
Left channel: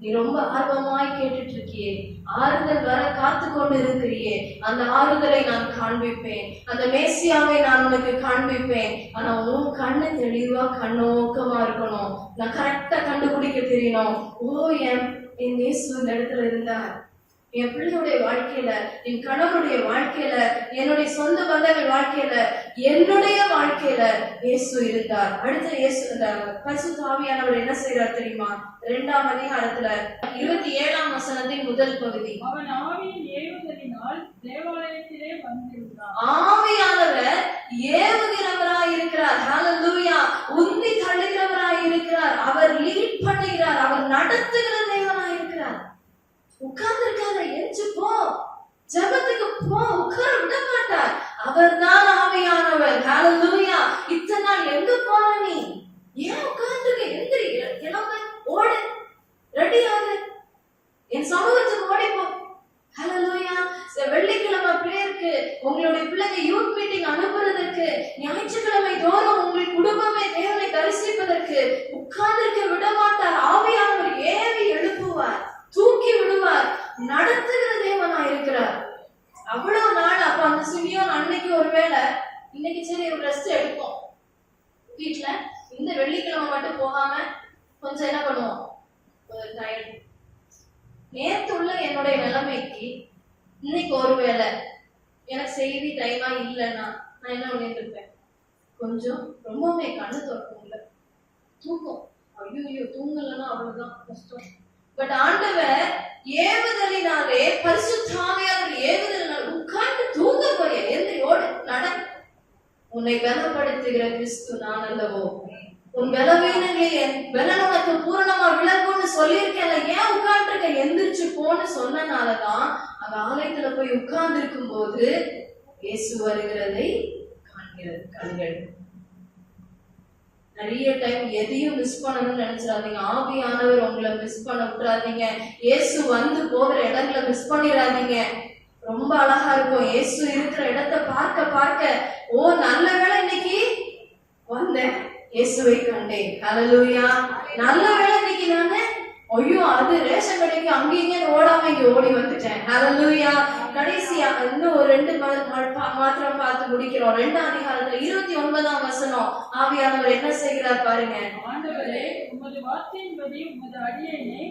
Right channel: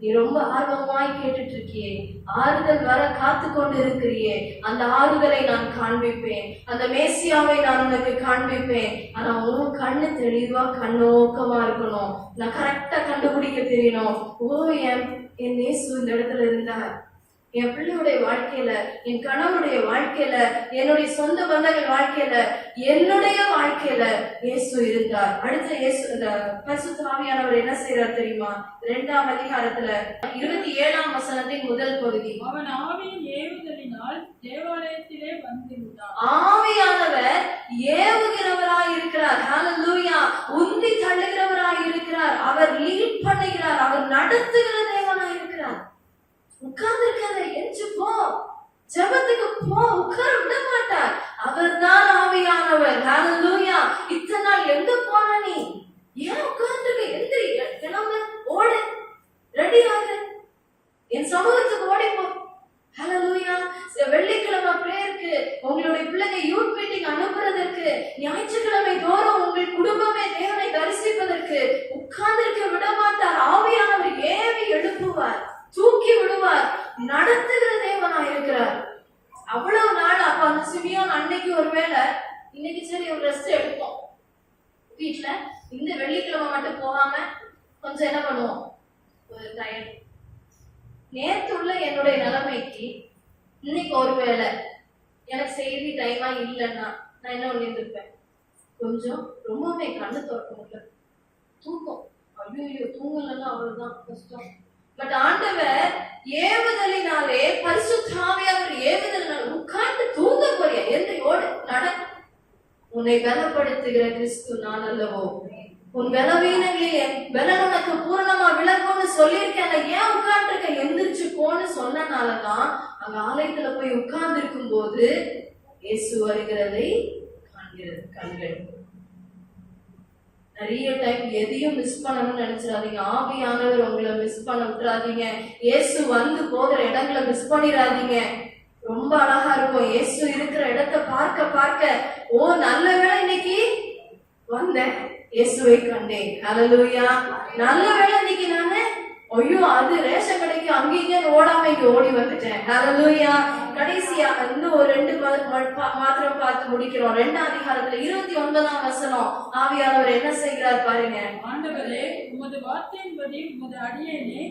நீ ரொம்ப ஆர்வமாய் கேட்டுட்டு இருக்கியே, ஆறுதல் வர காத்து கொண்டு இருக்கிறியே, அந்த ஆறுதலை நான் காண்பிப்பேன், அந்த மேசியாவை நான் உனக்கு காண்பிப்பேன். ஆனா உன் கண்ணு தெளிவா கண்ணோக்கமா இருக்கணும். நான் கரெக்டா கண்டுபிடிக்க தெரியணும். என் இயேசு இந்த இடத்துல இருந்தார், என் பிள்ளையுடைய வாழ்க்கையில, என் கணவனுடைய வாழ்க்கையில, என்னுடைய சொந்த பந்தங்கள் வாழ்க்கையில, என்னுடைய வாழ்க்கையில இயேசு இருந்தார். அடுத்த இயேசு பரிசுத்த ஆவியானவர் என்ன செய்யறார் தெரியுமா? 2ஆம் அதிகாரத்துல 27ஆம் வசனத்தின் முதல் பகுதி. அவன் ஆவியின் ஏவுதலினால் தேவாலயத்திலே வந்திருந்தார். ஆவியானவர் ஏவுகிறவராய் இருக்கிறார். ஹல்லேலூயா. உந்தி தள்ளுகிறவராய் இருக்கிறார். அவர் லீட் பண்ணுகிறார். அவர் நடத்துகிற தேவனாய் இருக்கிறார். உட்கார்ந்து இருக்காத, எஞ்சி போ, ஜெபத்துக்கு போ, உட்கார விட மாட்டார். அவர் தான் ஆவியானவர். ஹல்லேலூயா. இத்தனை நாள் எங்க போன நீ? ஏன் உட்கார்ந்து எந்திரி, கிளம்பு, ஓடு, ரெடி ஆகு, என் சமூகத்துக்கு ஓடி போ. ஹல்லேலூயா. வெள்ளிக்கிழமை பிரேயருக்கு, உங்களுடைய பிள்ளைங்க யூத் மீட்டிங் அனுப்புறதற்கு, ஞாயிற்றுக்கிழமை தோறும் உங்கள் குடும்பமே தேவனை தரிசிப்பதற்கு உட்கார்ந்திருக்க விட மாட்டார். ஆவியானவர் ஏவி எழுப்புவார், தூக்கி விடுவார், நடத்துகிற தேவனா இருக்கிறார். அவ்வளவு நாள் அப்ப அந்த சிமியோன் அன்னைக்கு ஒருவேளை இன்னைக்கு சரி ஒரு ரெஸ்ட் எடுப்போம், வீட்டுல இந்த வெள்ளிக்கிழமை மட்டும் போகாம கொஞ்சம் என்ன பண்ணுவோம், ஒரு டயர்ட். நேத்துள்ள என்னுடைய நிலைமைக்கு இன்னைக்கு ஒருவேளை எனக்கு செய்தி டைமா இல்லைன்னா நான் என்ன பண்ணிருப்பேன், கொஞ்சம் ரொம்பவுமே கண்ணு திறக்க முடியல, தூக்கம், ஐயோ தூங்கலன்னா அவ்வளவுதான் கஷ்டம். பட் ஆண்டவர் ஏவுதலினாலே, பரிசுத்த ஆவியானவர் ஏவுதலினால உட்கார்ந்து தூங்க போறியா, எந்திரியோடு நட, உன்னை பலப்படுத்துகிற கிறிஸ்து நான் அல்லவோ, உன் பலவீனங்களில் என் பலன் உனக்கு பூரணமா விளங்கும்னு சொல்லியிருக்கேன், ஏன் உட்கார்ந்துருக்க, எந்திரிச்சு போன்னு சொன்னனாலதான் அங்க ஆலயத்துல போய் உட்கார்ந்து இருக்கும் போது இயேசு வருகிறதை காண்கிறது கண்கள். நிறைய டைம் எதையும் மிஸ் பண்ணணும்னு நினைச்சிடாதீங்க. ஆவியானவர் உங்களை மிஸ் பண்ண விட்டுறாதீங்க. இயேசு வந்து போகிற இடங்களை மிஸ் பண்ணிடாதீங்க. ரொம்ப அழகா இருக்கும் இயேசு இருக்கிற இடத்தை பார்க்க பார்க்க, ஓ நல்ல வேளை இன்னைக்கு வந்தேன், இயேசுவை கண்டேன், ஹல்லேலூயா. நல்ல வேளை இன்னைக்கு நானு ஐயோ அது ரேஷன் கடைக்கு அங்கேயே ஓடாம இங்க ஓடி வந்துட்டேன், ஹல்லேலூயா. கடைசியா இன்னும் ஒரு 2 மாத்திரம் பார்த்து முடிக்கிறோம். 2ஆம் அதிகாரத்துல 29ஆம் வசனம் ஆவியானவர் என்ன செய்கிறார் பாருங்க. ஆண்டவரே, உமது வார்த்தையின்படி உமது அடியேனை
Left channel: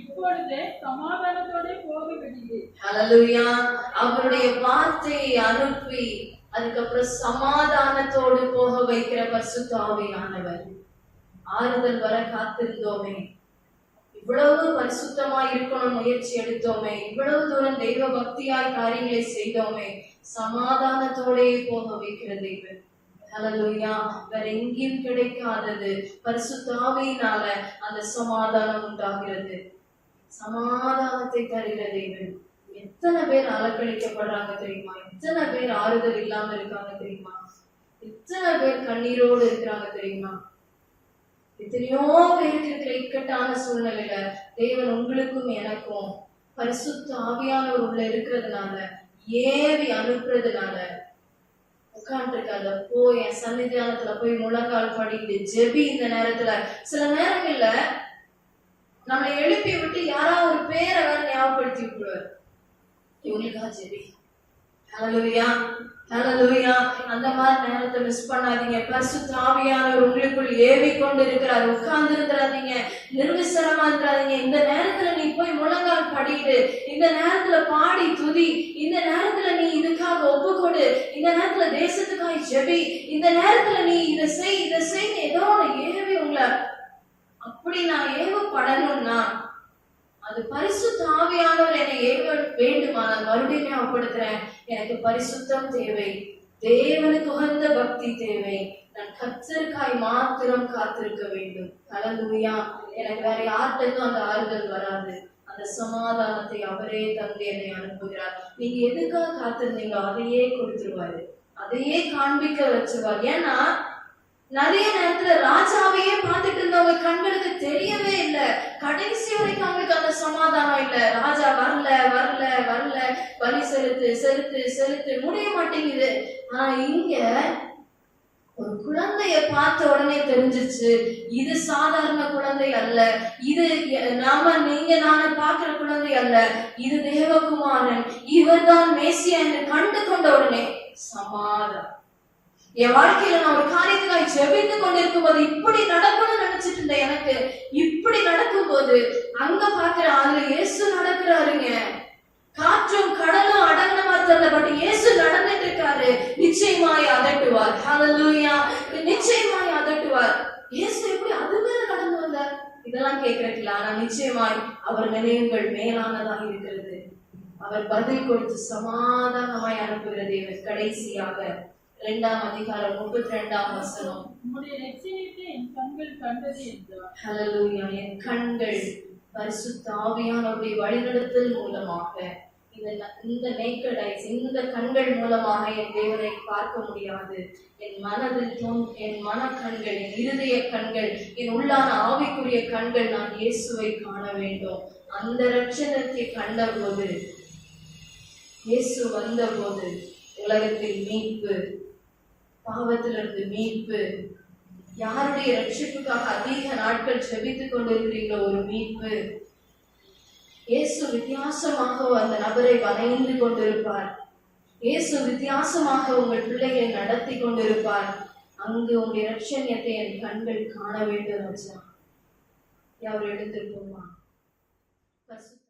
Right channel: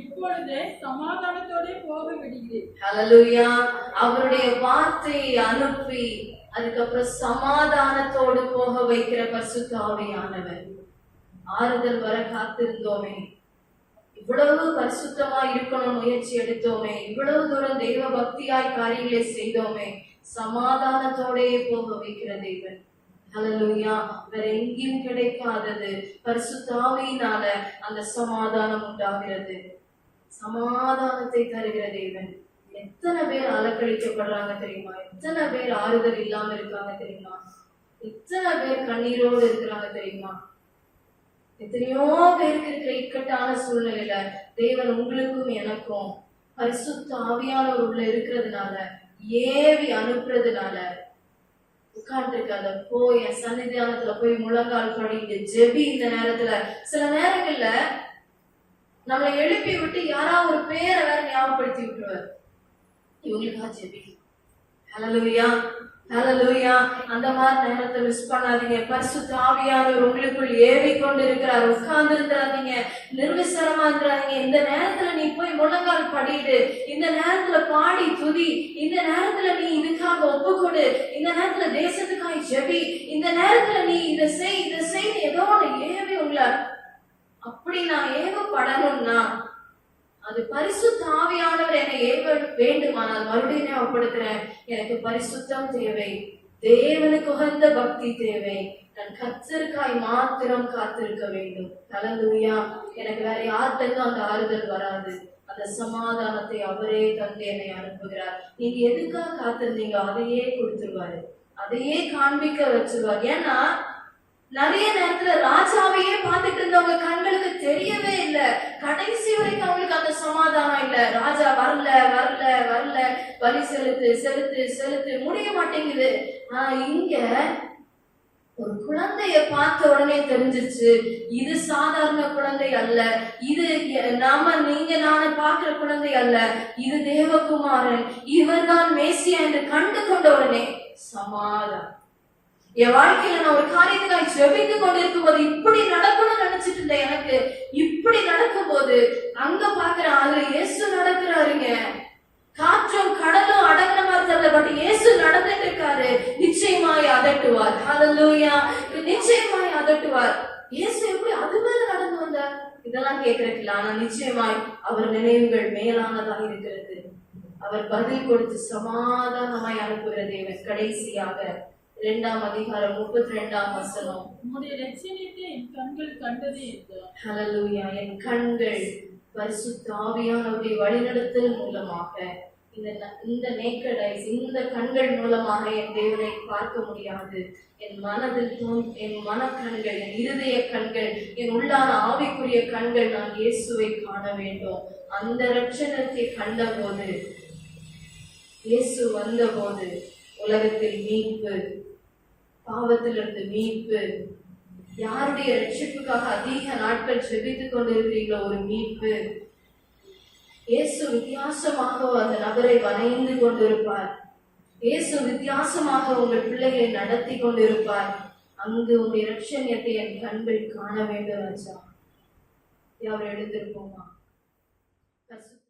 இப்பொழுதே சமாதானத்தோட போக விடுகிறேன். ஹல்லேலூயா. அவருடைய வார்த்தையை அனுப்பி அதுக்கப்புறம் சமாதானத்தோடு போக வைக்கிற பரிசுத்த ஆவியானவர். ஆறுதல் வர காத்திருந்தோமே, இவ்வளவு பரிசுத்தமா இருக்கணும் முயற்சி எடுத்தோமே, இவ்வளவு தூரம் தெய்வ பக்தியாய் காரியங்களை செய்தோமே, சமாதானத்தோடே போக வைக்கிற தெய்வன், ஹல்லேலூயா. வேற எங்கேயும் கிடைக்காதது பரிசுத்த ஆவியினால அந்த சமாதானம் உண்டாகிறது. சமாதானத்தை தருகிற தெய்வன். எத்தனை பேர் அலக்கழிக்கப்படுறாங்க தெரியுமா, எத்தனை பேர் ஆறுதல் இல்லாம இருக்காங்க தெரியுமா, எத்தனை பேர் கண்ணீரோடு இருக்கிறாங்க தெரியுமா. எத்தனையோ பேருக்கு இருக்கிற இக்கட்டான சூழ்நிலையில தேவன் உங்களுக்கும் எனக்கும் பரிசுத்த ஆவியானவர் உள்ள இருக்கிறதுனால, ஏவி அனுப்புறதுனால உட்கார்ந்துருக்காத, போய் என் சன்னிதானத்துல போய் முழங்கால் படிட்டு ஜெபி. இந்த நேரத்துல சில நேரங்கள்ல நம்மளை எழுப்பி விட்டு யாராவது ஒரு பேரை வேற ஞாபகப்படுத்தி விட்டுருவார், இவங்களுக்கா ஜெபி, ஹல்லேலூயா ஹல்லேலூயா. அந்த மாதிரி நேரத்தை மிஸ் பண்ணாதீங்க. பரிசுத்த ஆவியானவர் உங்களுக்குள் ஏவி கொண்டு இருக்கிறார். உட்கார்ந்து இருந்துடாதீங்க, நிர்விசாரமா இருந்துடாதீங்க. இந்த நேரத்துல நீ போய் முழங்கால் படிட்டு, இந்த நேரத்துல பாடி துதி, இந்த நேரத்துல நீ இதுக்காக ஒப்புக்கொடு, இந்த நேரத்துல தேசத்துக்காக ஜெபி, இந்த நேரத்துல நீ இதை செய் ஏதோ ஏவி உங்களை அப்படி நான் ஏவப்படணும்னா அது பரிசுத்த ஆவியானவர் என்னை ஏவ வேண்டுமா, நான் மறுபடியும் ஞாபகப்படுத்துறேன், எனக்கு பரிசுத்தம் தேவை, தேவனுக்கு உகந்த பக்தி தேவை, நான் கர்த்தருக்காய் மாத்திரம் காத்திருக்க வேண்டும், ஹல்லேலூயா. எனக்கு வேற யார்கிட்டயும் அந்த ஆறுதல் வராது. அந்த சமாதானத்தை அவரே தந்து என்னை அனுப்புகிறார். நீங்க எதுக்காக காத்திருந்தீங்களோ அதையே கொடுத்துருவாரு, அதையே காண்பிக்க வச்சிருவார். ஏன்னா நிறைய நேரத்துல ராஜாவையே பார்த்துட்டு இருந்தவங்க கண்களுக்கு தெரியவே இல்லை. கடைசி வரைக்கும் அவங்களுக்கு அந்த சமாதானம் இல்லை. ராஜா வரல, பலி செலுத்து முடிய மாட்டேங்குது. ஆனா இங்க ஒரு குழந்தைய பார்த்த உடனே தெரிஞ்சிருச்சு, இது சாதாரண குழந்தை அல்ல, இது நீங்க நானே பார்க்கிற குழந்தை அல்ல, இது தேவகுமாரன், இவர்தான் மேசியா என்று கண்டு கொண்ட உடனே சமாதானம். என் வாழ்க்கையில நான் ஒரு காரியத்துக்காக ஜெபித்து கொண்டிருக்கும் போது இப்படி நடக்கணும்னு நினைச்சிட்டு இருந்தேன், எனக்கு இப்படி நடக்கும் போது அங்க பாக்குறேன், அதுல இயேசு நடக்கிறாருங்க. காற்றும் கடலும் அடங்கின மாதிரி தெரியல, பட் இயேசு நடந்துட்டு இருக்காரு. நிச்சயமாய் அதட்டுவார், ஹல்லேலூயா, நிச்சயமாய் அதட்டுவார். இயேசு எப்படி அது மேல நடந்து வந்தார் இதெல்லாம் கேட்கறதுல, ஆனா நிச்சயமாய் அவர் நினைவுகள் மேலானதாக இருக்கிறது. அவர் பதில் கொடுத்து சமாதானமாய் அனுப்புகிற தேவன். கடைசியாக 2ஆம் அதிகாரம் 32ஆம் வசனம், உம்முடைய இரட்சணியத்தை என் கண்கள் கண்டது என்றார். ஹல்லேலூயா. என் கண்கள் பரிசுத்த ஆவியானவருடைய வழிநடத்தல் மூலமாக, இந்த நேக்கட் ஐஸ், இந்த கண்கள் மூலமாக என் தேவனை பார்க்க முடியாது. என் மனதில் என் மனக்கண்கள், என் இருதய கண்கள், என் உள்ளான ஆவிக்குரிய கண்கள், நான் இயேசுவை காண வேண்டும். அந்த இரட்சணத்தை கண்டபோது, இயேசு வந்த போது உலகத்தில் மீட்பு, பாவத்திலிருந்து மீட்பு, யாருடைய ரட்சிப்புக்காக அதிக நாட்கள் ஜெபித்துக் கொண்டிருக்கிறீங்களோ ஒரு மீட்பு. இயேசு வித்தியாசமாக அந்த நபரை வரைந்து கொண்டிருப்பார். இயேசு வித்தியாசமாக உங்கள் பிள்ளைகளை நடத்தி கொண்டிருப்பார். அங்கு உங்களுடைய இரட்சணியத்தை என் கண்கள் காண வேண்டும் ராஜா. யார் எழுந்திருப்போமா?